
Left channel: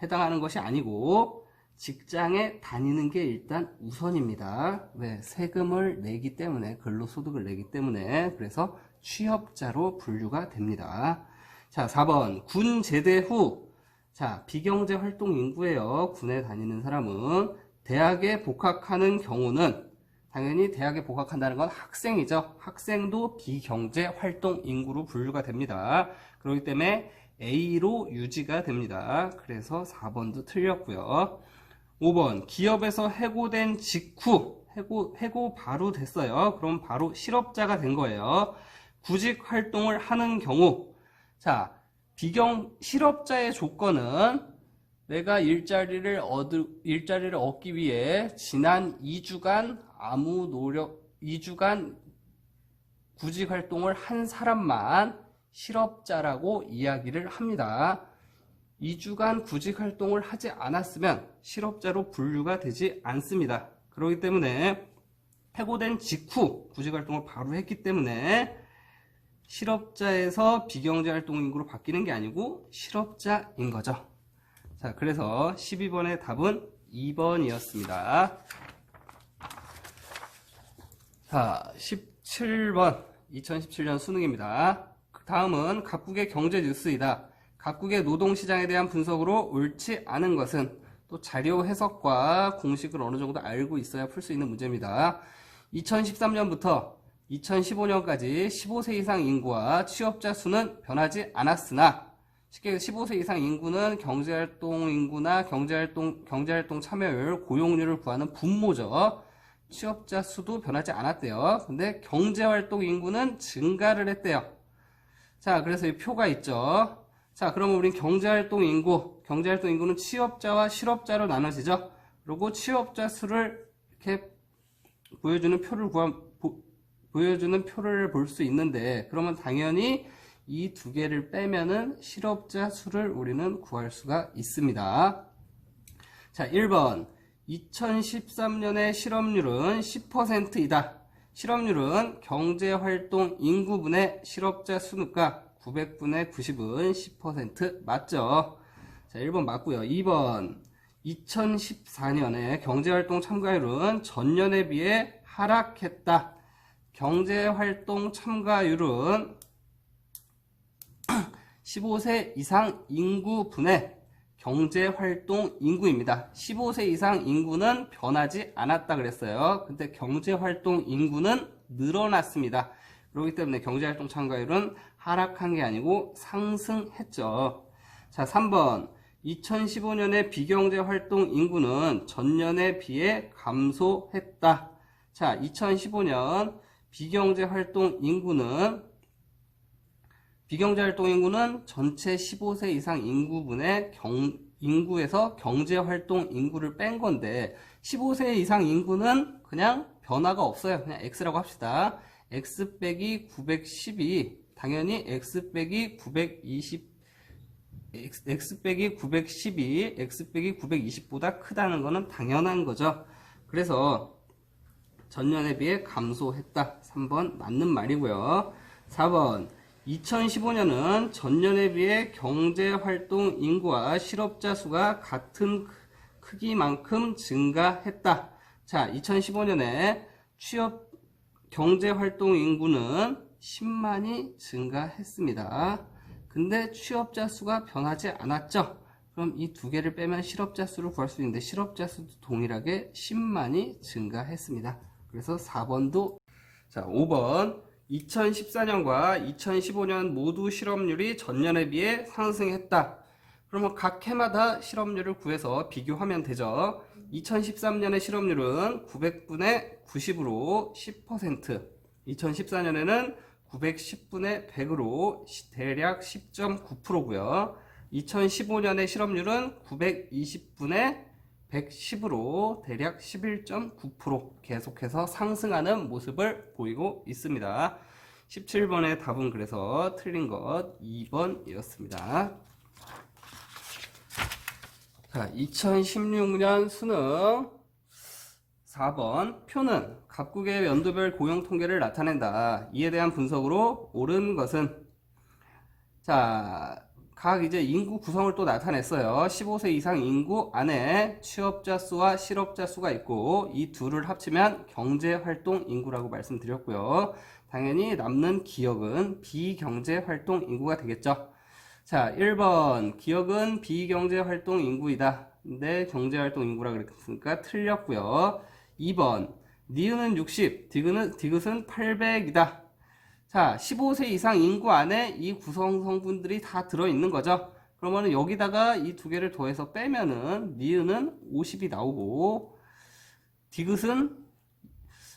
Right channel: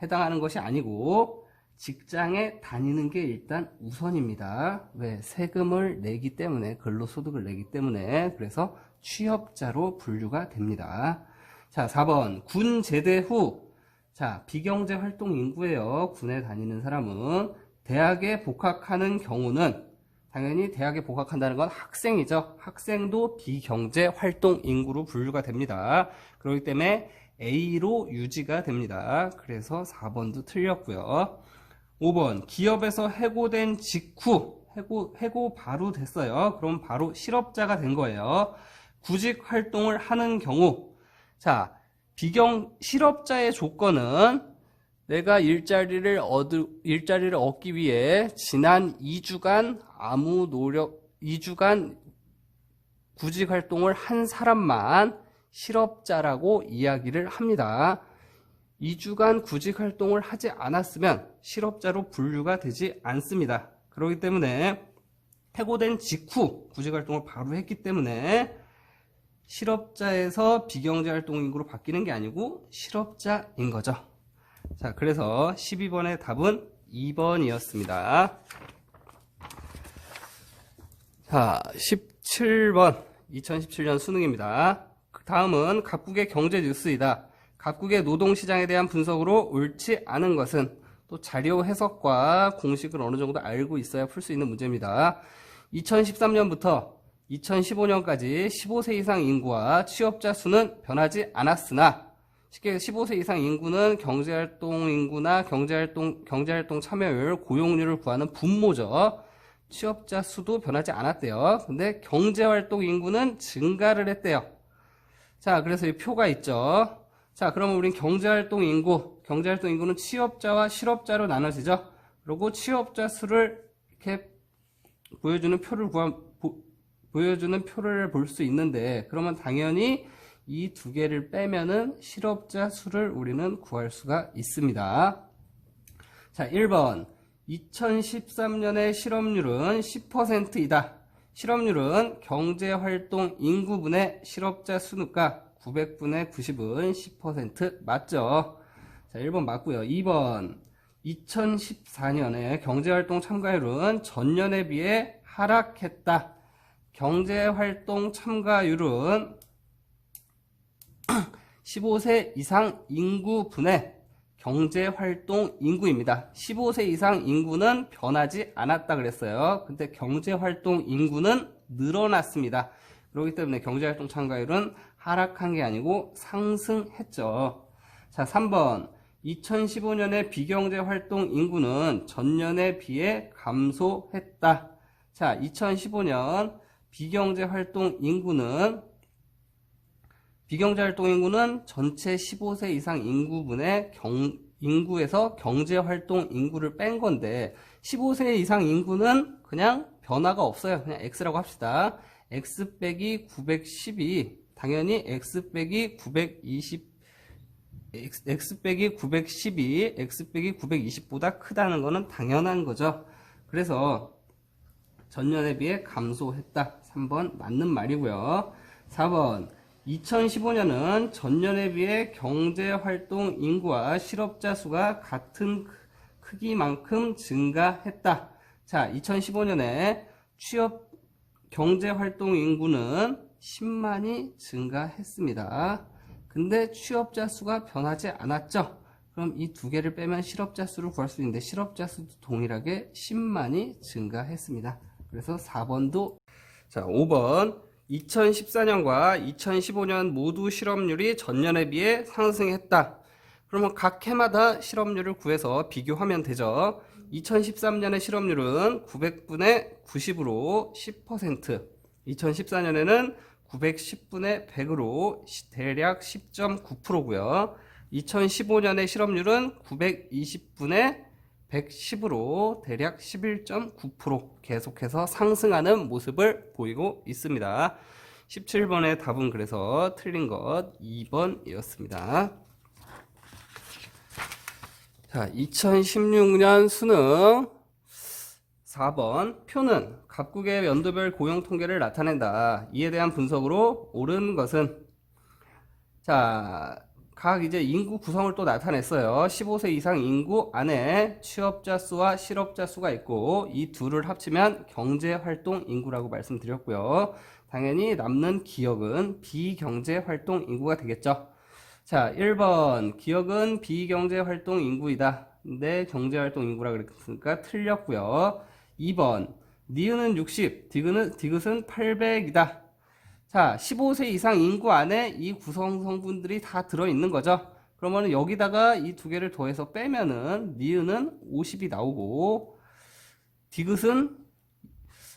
해당하는 것이 아니고 직장에 다니는 게 일단 우선입니다. 왜? 세금을 내기 때문에, 근로소득을 내기 때문에. 그래서 취업자로 분류가 됩니다. 자, 4번. 군 제대 후. 자, 비경제 활동 인구예요. 군에 다니는 사람은. 대학에 복학하는 경우는 당연히 대학에 복학한다는 건 학생이죠. 학생도 비경제 활동 인구로 분류가 됩니다. 그렇기 때문에 A로 유지가 됩니다. 그래서 4번도 틀렸고요. 5번, 기업에서 해고된 직후, 해고 바로 됐어요. 그럼 바로 실업자가 된 거예요. 구직 활동을 하는 경우, 자, 실업자의 조건은 내가 일자리를 얻기 위해 지난 2주간 2주간 구직 활동을 한 사람만 실업자라고 이야기를 합니다. 2주간 구직 활동을 하지 않았으면 실업자로 분류가 되지 않습니다. 그렇기 때문에 해고된 직후 구직 활동을 바로 했기 때문에 실업자에서 비경제 활동 인구로 바뀌는 게 아니고 실업자인 거죠. 자, 그래서 12번의 답은 2번이었습니다. 자, 17번 2017년 수능입니다. 다음은 각국의 경제 뉴스이다. 각국의 노동시장에 대한 분석으로 옳지 않은 것은, 또 자료 해석과 공식을 어느 정도 알고 있어야 풀 수 있는 문제입니다. 2013년부터 2015년까지 15세 이상 인구와 취업자 수는 변하지 않았으나, 쉽게 15세 이상 인구는 경제활동 인구나 경제활동 참여율, 고용률을 구하는 분모죠. 취업자 수도 변하지 않았대요. 근데 경제활동 인구는 증가를 했대요. 자, 그래서 이 표가 있죠. 자, 그러면 우린 경제활동 인구는 취업자와 실업자로 나눠지죠. 그리고 취업자 수를 이렇게 보여주는 표를 볼 수 있는데, 그러면 당연히 이 두 개를 빼면은 실업자 수를 우리는 구할 수가 있습니다. 자, 1번. 2013년의 실업률은 10%이다. 실업률은 경제활동 인구분의 실업자 수니까 900분의 90은 10% 맞죠? 자, 1번 맞고요. 2번. 2014년에 경제활동 참가율은 전년에 비해 하락했다. 경제활동 참가율은 15세 이상 인구분의 경제활동 인구입니다. 15세 이상 인구는 변하지 않았다 그랬어요. 근데 경제활동 인구는 늘어났습니다. 그렇기 때문에 경제활동 참가율은 하락한 게 아니고 상승했죠. 자, 3번. 2015년의 비경제활동 인구는 전년에 비해 감소했다. 자, 2015년 비경제활동 인구는 전체 15세 이상 인구분의 인구에서 경제활동 인구를 뺀 건데, 15세 이상 인구는 그냥 변화가 없어요. 그냥 X라고 합시다. X 빼기 910이 당연히 X 빼기 920보다 크다는 거는 당연한 거죠. 그래서 전년에 비해 감소했다. 3번 맞는 말이고요. 4번 2015년은 전년에 비해 경제활동 인구와 실업자 수가 같은 크기만큼 증가했다. 자, 2015년에 취업 경제활동 인구는 10만이 증가했습니다. 근데 취업자 수가 변하지 않았죠. 그럼 이 두 개를 빼면 실업자 수를 구할 수 있는데 실업자 수도 동일하게 10만이 증가했습니다. 그래서 4번도. 자, 5번 2014년과 2015년 모두 실업률이 전년에 비해 상승했다. 그러면 각 해마다 실업률을 구해서 비교하면 되죠. 2013년의 실업률은 900분의 90으로 10%, 2014년에는 910분의 100으로 대략 10.9%고요. 2015년의 실업률은 920분의 110으로 대략 11.9% 계속해서 상승하는 모습을 보이고 있습니다. 17번의 답은 그래서 틀린 것 2번이었습니다. 자, 2016년 수능 4번 표는 각국의 연도별 고용 통계를 나타낸다. 이에 대한 분석으로 옳은 것은, 자, 각 이제 인구 구성을 또 나타냈어요. 15세 이상 인구 안에 취업자 수와 실업자 수가 있고 이 둘을 합치면 경제활동 인구라고 말씀드렸고요. 당연히 남는 기억은 비경제활동 인구가 되겠죠. 자, 1번 기억은 비경제활동 인구이다. 근데 경제활동 인구라 그랬으니까 틀렸고요. 2번 니은은 60, 디귿은 800이다. 자, 15세 이상 인구 안에 이 구성 성분들이 다 들어있는 거죠. 그러면 여기다가 이 두 개를 더해서 빼면은 니은은 50이 나오고 디귿은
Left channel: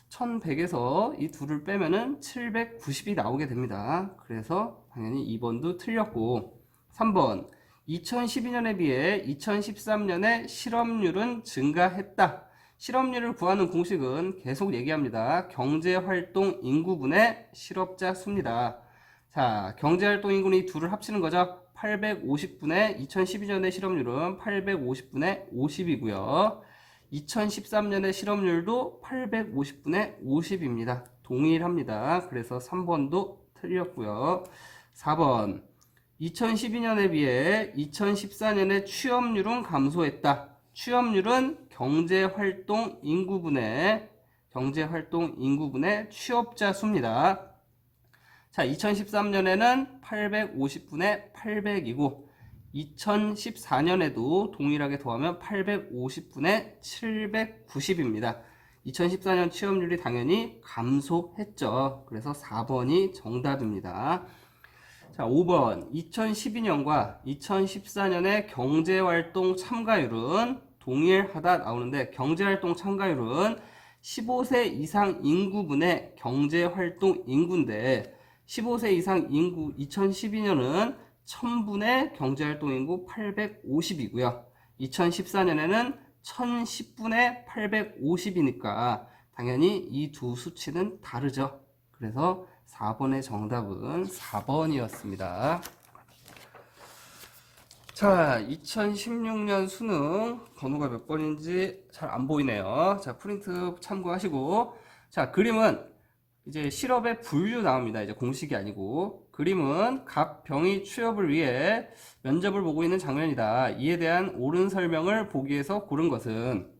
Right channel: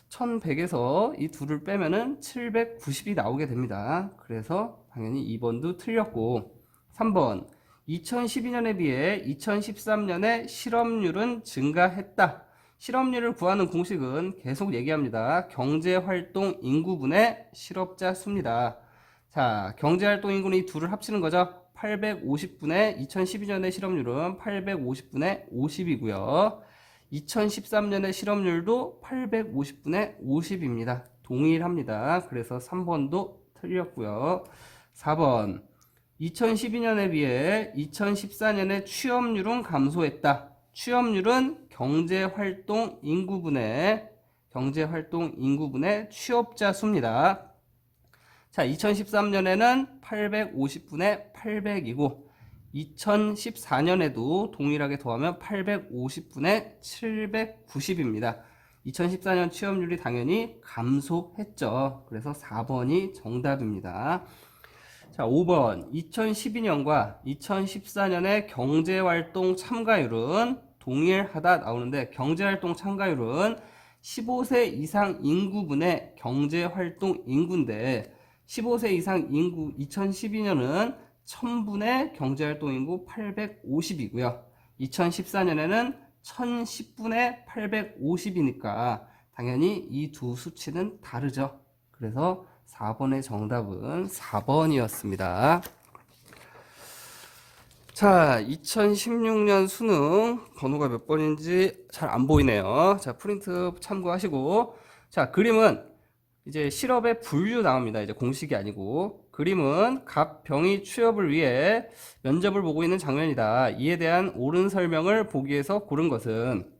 1100에서 이 둘을 빼면은 790이 나오게 됩니다. 그래서 당연히 2번도 틀렸고, 3번 2012년에 비해 2013년에 실업률은 증가했다. 실업률을 구하는 공식은 계속 얘기합니다. 경제활동 인구분의 실업자 수입니다. 자, 경제활동 인구는 이 둘을 합치는 거죠. 850분의 2012년의 실업률은 850분의 50이고요. 2013년의 실업률도 850분의 50입니다. 동일합니다. 그래서 3번도 틀렸고요. 4번 2012년에 비해 2014년에 취업률은 감소했다. 취업률은 경제활동 인구분의 취업자 수입니다. 자, 2013년에는 850분의 800이고 2014년에도 동일하게 더하면 850분의 790입니다. 2014년 취업률이 당연히 감소했죠. 그래서 4번이 정답입니다. 자, 5번 2012년과 2014년의 경제활동 참가율은 동일하다 나오는데 경제활동 참가율은 15세 이상 인구분의 경제활동 인구인데 15세 이상 인구 2012년은 1000분의 경제활동 인구 850이고요. 2014년에는 1010분의 850이니까 당연히 이 두 수치는 다르죠. 그래서 4번의 정답은 4번이었습니다. 자, 2016년 수능 번호가 몇 번인지 잘 안 보이네요. 자, 프린트 참고하시고, 자, 그림은 이제 실업의 분류 나옵니다. 이제 공식이 아니고 그림은 갑, 병이 취업을 위해 면접을 보고 있는 장면이다. 이에 대한 옳은 설명을 보기 위해서 고른 것은,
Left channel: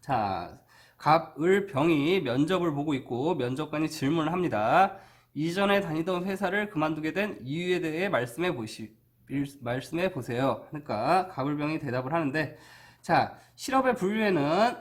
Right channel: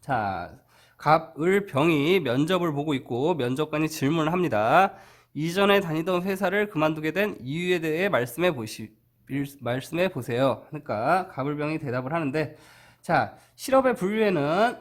자, 갑을 병이 면접을 보고 있고 면접관이 질문을 합니다. 이전에 다니던 회사를 그만두게 된 이유에 대해 말씀해 보세요. 그러니까 갑을병이 대답을 하는데, 자, 실업의 분류에는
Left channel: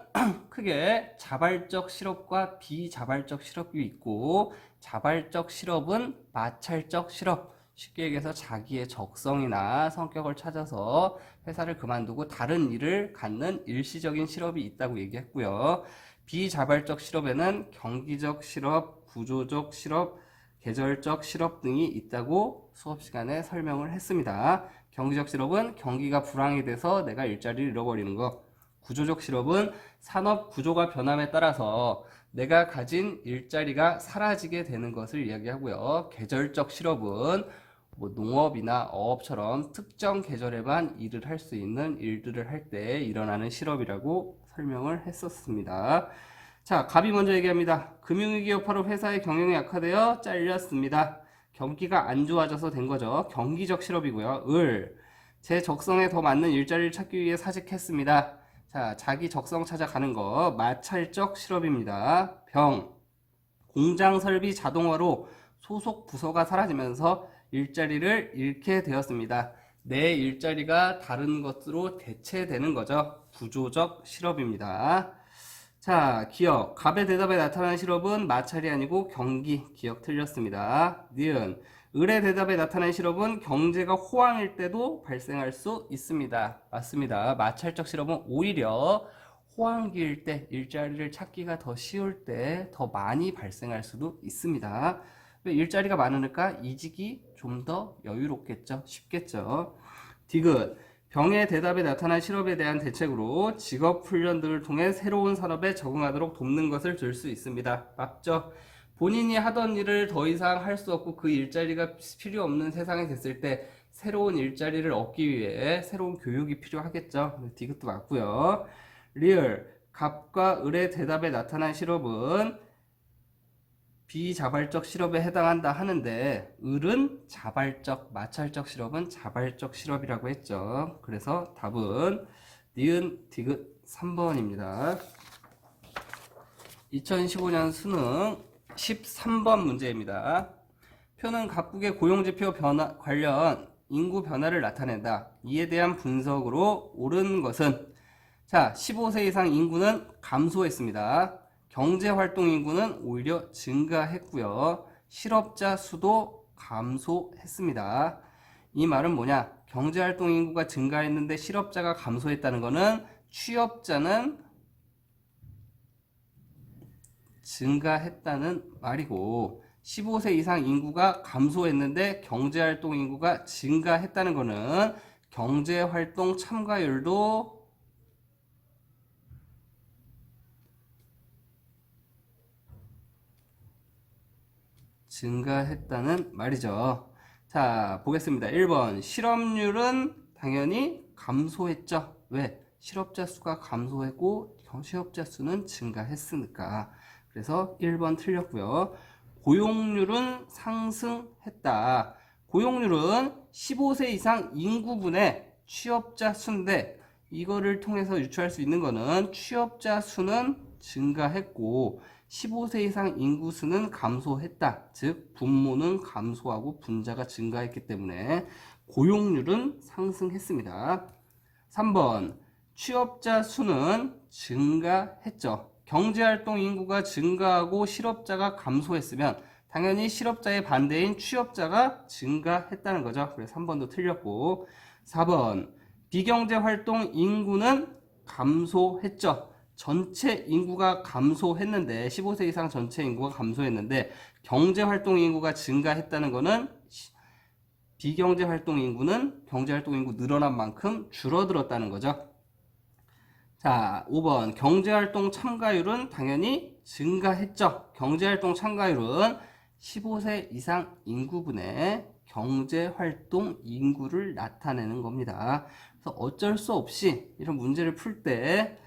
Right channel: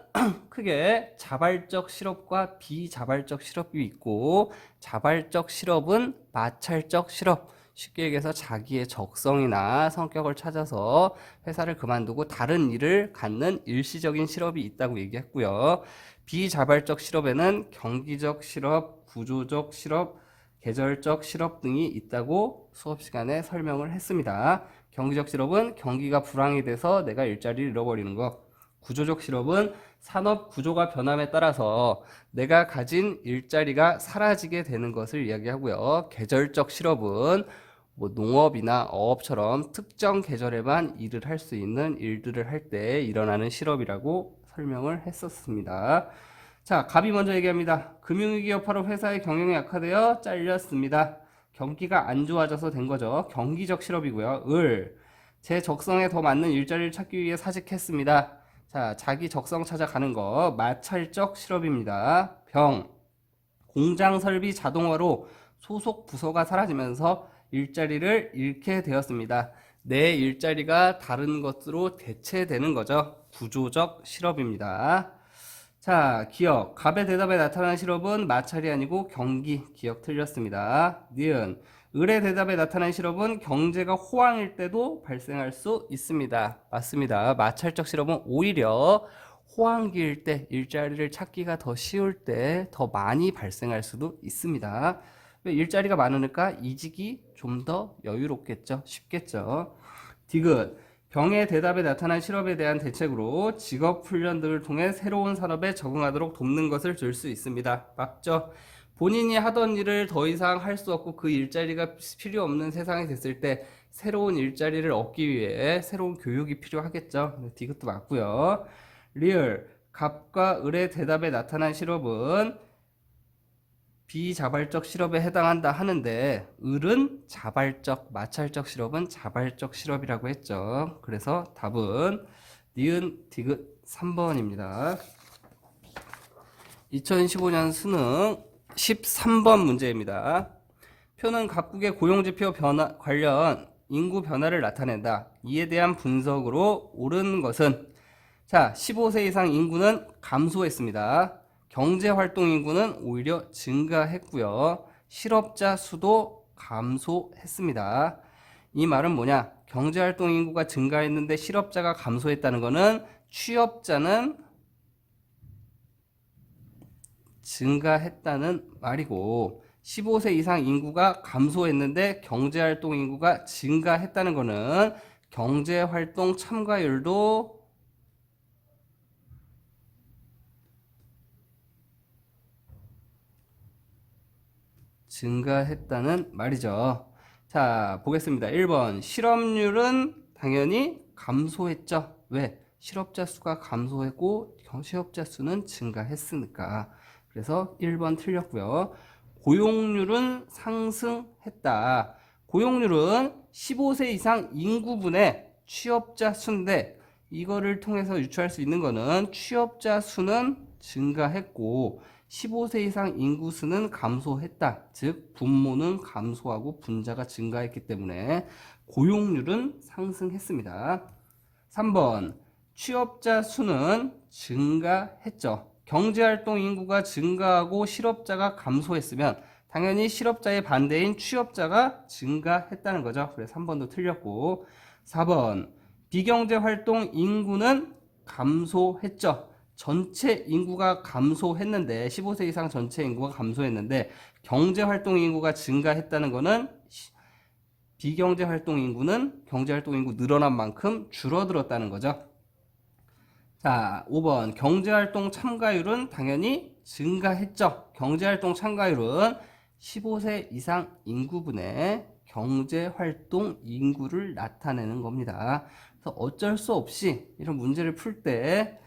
크게 자발적 실업과 비자발적 실업이 있고, 자발적 실업은 마찰적 실업, 쉽게 얘기해서 자기의 적성이나 성격을 찾아서 회사를 그만두고 다른 일을 갖는 일시적인 실업이 있다고 얘기했고요. 비자발적 실업에는 경기적 실업, 구조적 실업, 계절적 실업 등이 있다고 수업 시간에 설명을 했습니다. 경기적 실업은 경기가 불황이 돼서 내가 일자리를 잃어버리는 것. 구조적 실업은 산업 구조가 변함에 따라서 내가 가진 일자리가 사라지게 되는 것을 이야기하고요. 계절적 실업은 뭐 농업이나 어업처럼 특정 계절에만 일을 할 수 있는 일들을 할 때 일어나는 실업이라고 설명을 했었습니다. 자, 갑이 먼저 얘기합니다. 금융위기 여파로 회사의 경영이 악화되어 잘렸습니다. 경기가 안 좋아져서 된 거죠. 경기적 실업이고요. 제 적성에 더 맞는 일자리를 찾기 위해 사직했습니다. 자, 자기 적성 찾아가는 거 마찰적 실업입니다. 공장 설비 자동화로 소속 부서가 사라지면서 일자리를 잃게 되었습니다. 내 일자리가 다른 것으로 대체되는 거죠. 구조적 실업입니다. 자, 기억. 갑의 대답에 나타난 실업은 마찰이 아니고 경기. 기억 틀렸습니다. 니은. 을의 대답에 나타난 실업은 경제가 호황일 때도 발생할 수 있습니다. 맞습니다. 마찰적 실업은 오히려 호황기일 때 일자리를 찾기가 더 쉬울 때 더 많이 발생할 수도 있습니다. 왜 일자리가 많으니까 이직이 좀 더 여유롭겠죠. 쉽겠죠. 디귿. 병의 대답에 나타난 실업에 대한 대책으로 직업훈련 등을 통해 새로운 산업에 적응하도록 돕는 것을 줄 수 있습니다. 맞죠? 본인이 하던 일을 더 이상 할 수 없고 그 일자리가 필요 없는 세상이 됐을 때 새로운 일자리를 얻기 위해 새로운 교육이 필요하겠죠. 디귿도 맞고요. 리을. 갑과 을의 대답에 나타난 실업은 비자발적 실업에 해당한다 하는데 을은 자발적, 마찰적 실업은 자발적 실업이라고 했죠. 그래서 답은 니은 디귿 3번입니다. 2015년 수능 13번 문제입니다. 표는 각국의 고용지표 변화 관련 인구 변화를 나타낸다. 이에 대한 분석으로 옳은 것은 자, 15세 이상 인구는 감소했습니다. 경제활동 인구는 오히려 증가했고요. 실업자 수도 감소했습니다. 이 말은 뭐냐? 경제활동 인구가 증가했는데 실업자가 감소했다는 것은 취업자는 증가했다는 말이고 15세 이상 인구가 감소했는데 경제활동 인구가 증가했다는 것은 경제활동 참가율도 증가했다는 말이죠. 자, 보겠습니다. 1번. 실업률은 당연히 감소했죠. 왜? 실업자 수가 감소했고 실업자 수는 증가했으니까. 그래서 1번 틀렸고요. 고용률은 상승했다. 고용률은 15세 이상 인구분의 취업자 수인데 이거를 통해서 유추할 수 있는 거는 취업자 수는 증가했고 15세 이상 인구 수는 감소했다. 즉 분모는 감소하고 분자가 증가했기 때문에 고용률은 상승했습니다. 3번 취업자 수는 증가했죠. 경제활동 인구가 증가하고 실업자가 감소했으면 당연히 실업자의 반대인 취업자가 증가했다는 거죠. 그래서 3번도 틀렸고 4번 비경제활동 인구는 감소했죠. 전체 인구가 감소했는데 15세 이상 전체 인구가 감소했는데 경제활동 인구가 증가했다는 것은 비경제활동 인구는 경제활동 인구 늘어난 만큼 줄어들었다는 거죠. 자, 5번 경제활동 참가율은 당연히 증가했죠. 경제활동 참가율은 15세 이상 인구분의 경제활동 인구를 나타내는 겁니다. 그래서 어쩔 수 없이 이런 문제를 풀 때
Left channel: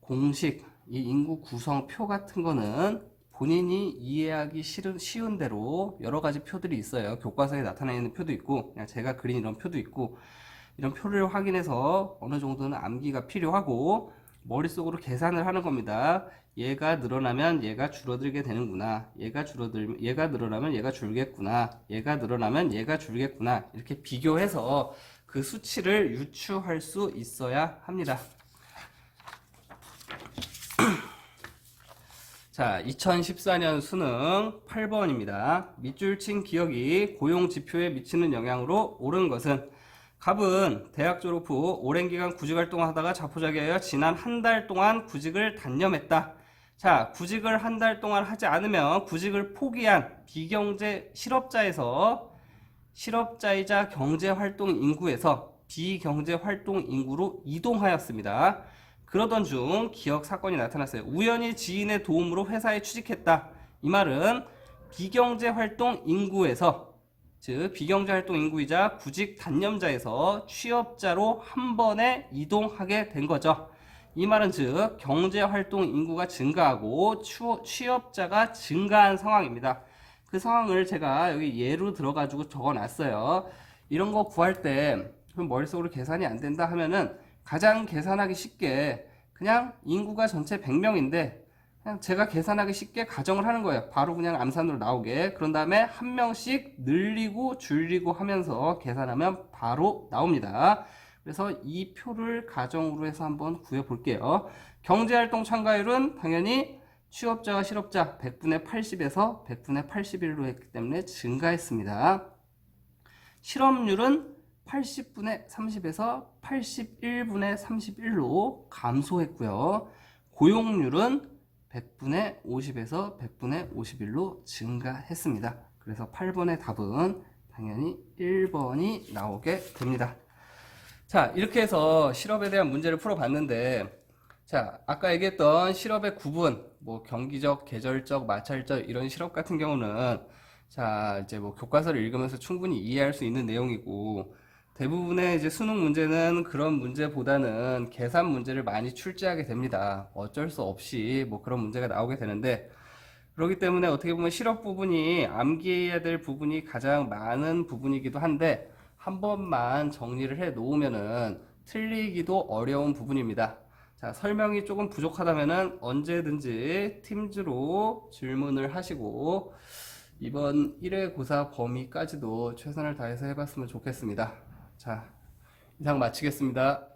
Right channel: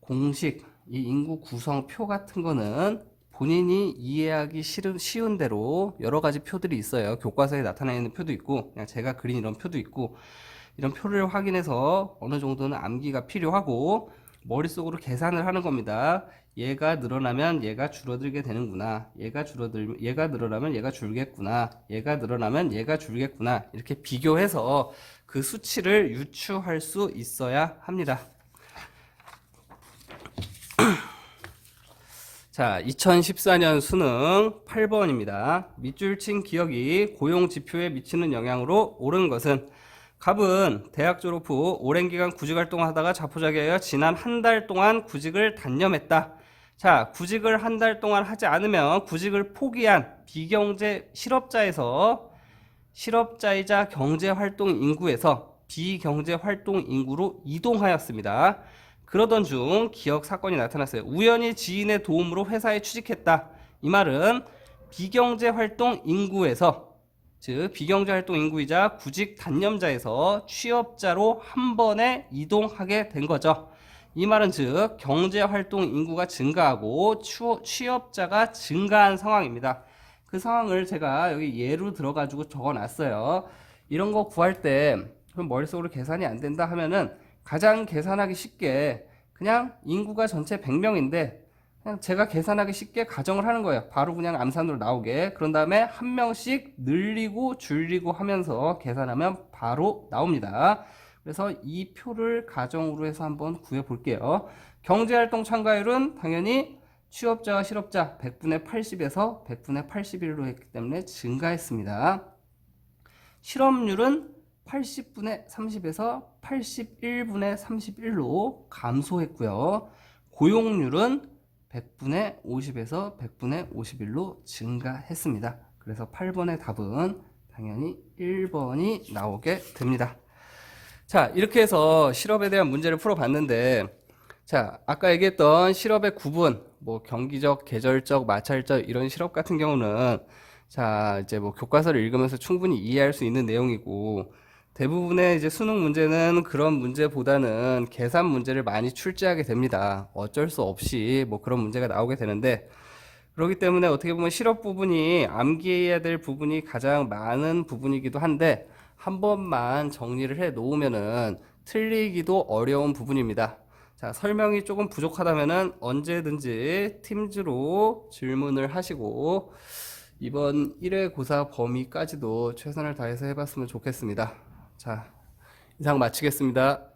공식, 이 인구 구성표 같은 거는 본인이 이해하기 쉬운 대로 여러 가지 표들이 있어요. 교과서에 나타나 있는 표도 있고 그냥 제가 그린 이런 표도 있고 이런 표를 확인해서 어느 정도는 암기가 필요하고 머릿속으로 계산을 하는 겁니다. 얘가 늘어나면 얘가 줄어들게 되는구나. 얘가 늘어나면 얘가 줄겠구나. 얘가 늘어나면 얘가 줄겠구나. 이렇게 비교해서 그 수치를 유추할 수 있어야 합니다. 자, 2014년 수능 8번입니다. 밑줄 친 기억이 고용지표에 미치는 영향으로 옳은 것은 갑은 대학 졸업 후 오랜 기간 구직활동을 하다가 자포자기하여 지난 한 달 동안 구직을 단념했다. 자, 구직을 한 달 동안 하지 않으면 구직을 포기한 비경제 실업자에서 실업자이자 경제활동 인구에서 비경제활동 인구로 이동하였습니다. 그러던 중 기억 사건이 나타났어요. 우연히 지인의 도움으로 회사에 취직했다. 이 말은 비경제활동 인구에서 즉 비경제활동 인구이자 구직 단념자에서 취업자로 한 번에 이동하게 된 거죠. 이 말은 즉 경제활동 인구가 증가하고 취업자가 증가한 상황입니다. 그 상황을 제가 여기 예로 들어가지고 적어놨어요. 이런 거 구할 때 그럼 머릿속으로 계산이 안 된다 하면은 가장 계산하기 쉽게 그냥 인구가 전체 100명인데 그냥 제가 계산하기 쉽게 가정을 하는 거예요. 바로 그냥 암산으로 나오게. 그런 다음에 한 명씩 늘리고 줄이고 하면서 계산하면 바로 나옵니다. 그래서 이 표를 가정으로 해서 한번 구해 볼게요. 경제활동 참가율은 당연히 취업자와 실업자 100분의 80에서 100분의 81로 했기 때문에 증가했습니다. 실업률은 80분의 30에서 81분의 31로 감소했고요. 고용률은 100분의 50에서 100분의 51로 증가했습니다. 그래서 8번의 답은 당연히 1번이 나오게 됩니다. 자, 이렇게 해서 실업에 대한 문제를 풀어봤는데, 자, 아까 얘기했던 실업의 구분, 뭐 경기적, 계절적, 마찰적 이런 실업 같은 경우는 자, 이제 뭐 교과서를 읽으면서 충분히 이해할 수 있는 내용이고, 대부분의 이제 수능 문제는 그런 문제보다는 계산 문제를 많이 출제하게 됩니다. 어쩔 수 없이 뭐 그런 문제가 나오게 되는데, 그렇기 때문에 어떻게 보면 실업 부분이 암기해야 될 부분이 가장 많은 부분이기도 한데, 한 번만 정리를 해 놓으면은 틀리기도 어려운 부분입니다. 자, 설명이 조금 부족하다면은 언제든지 팀즈로 질문을 하시고 이번 1회 고사 범위까지도 최선을 다해서 해봤으면 좋겠습니다. 자, 이상 마치겠습니다.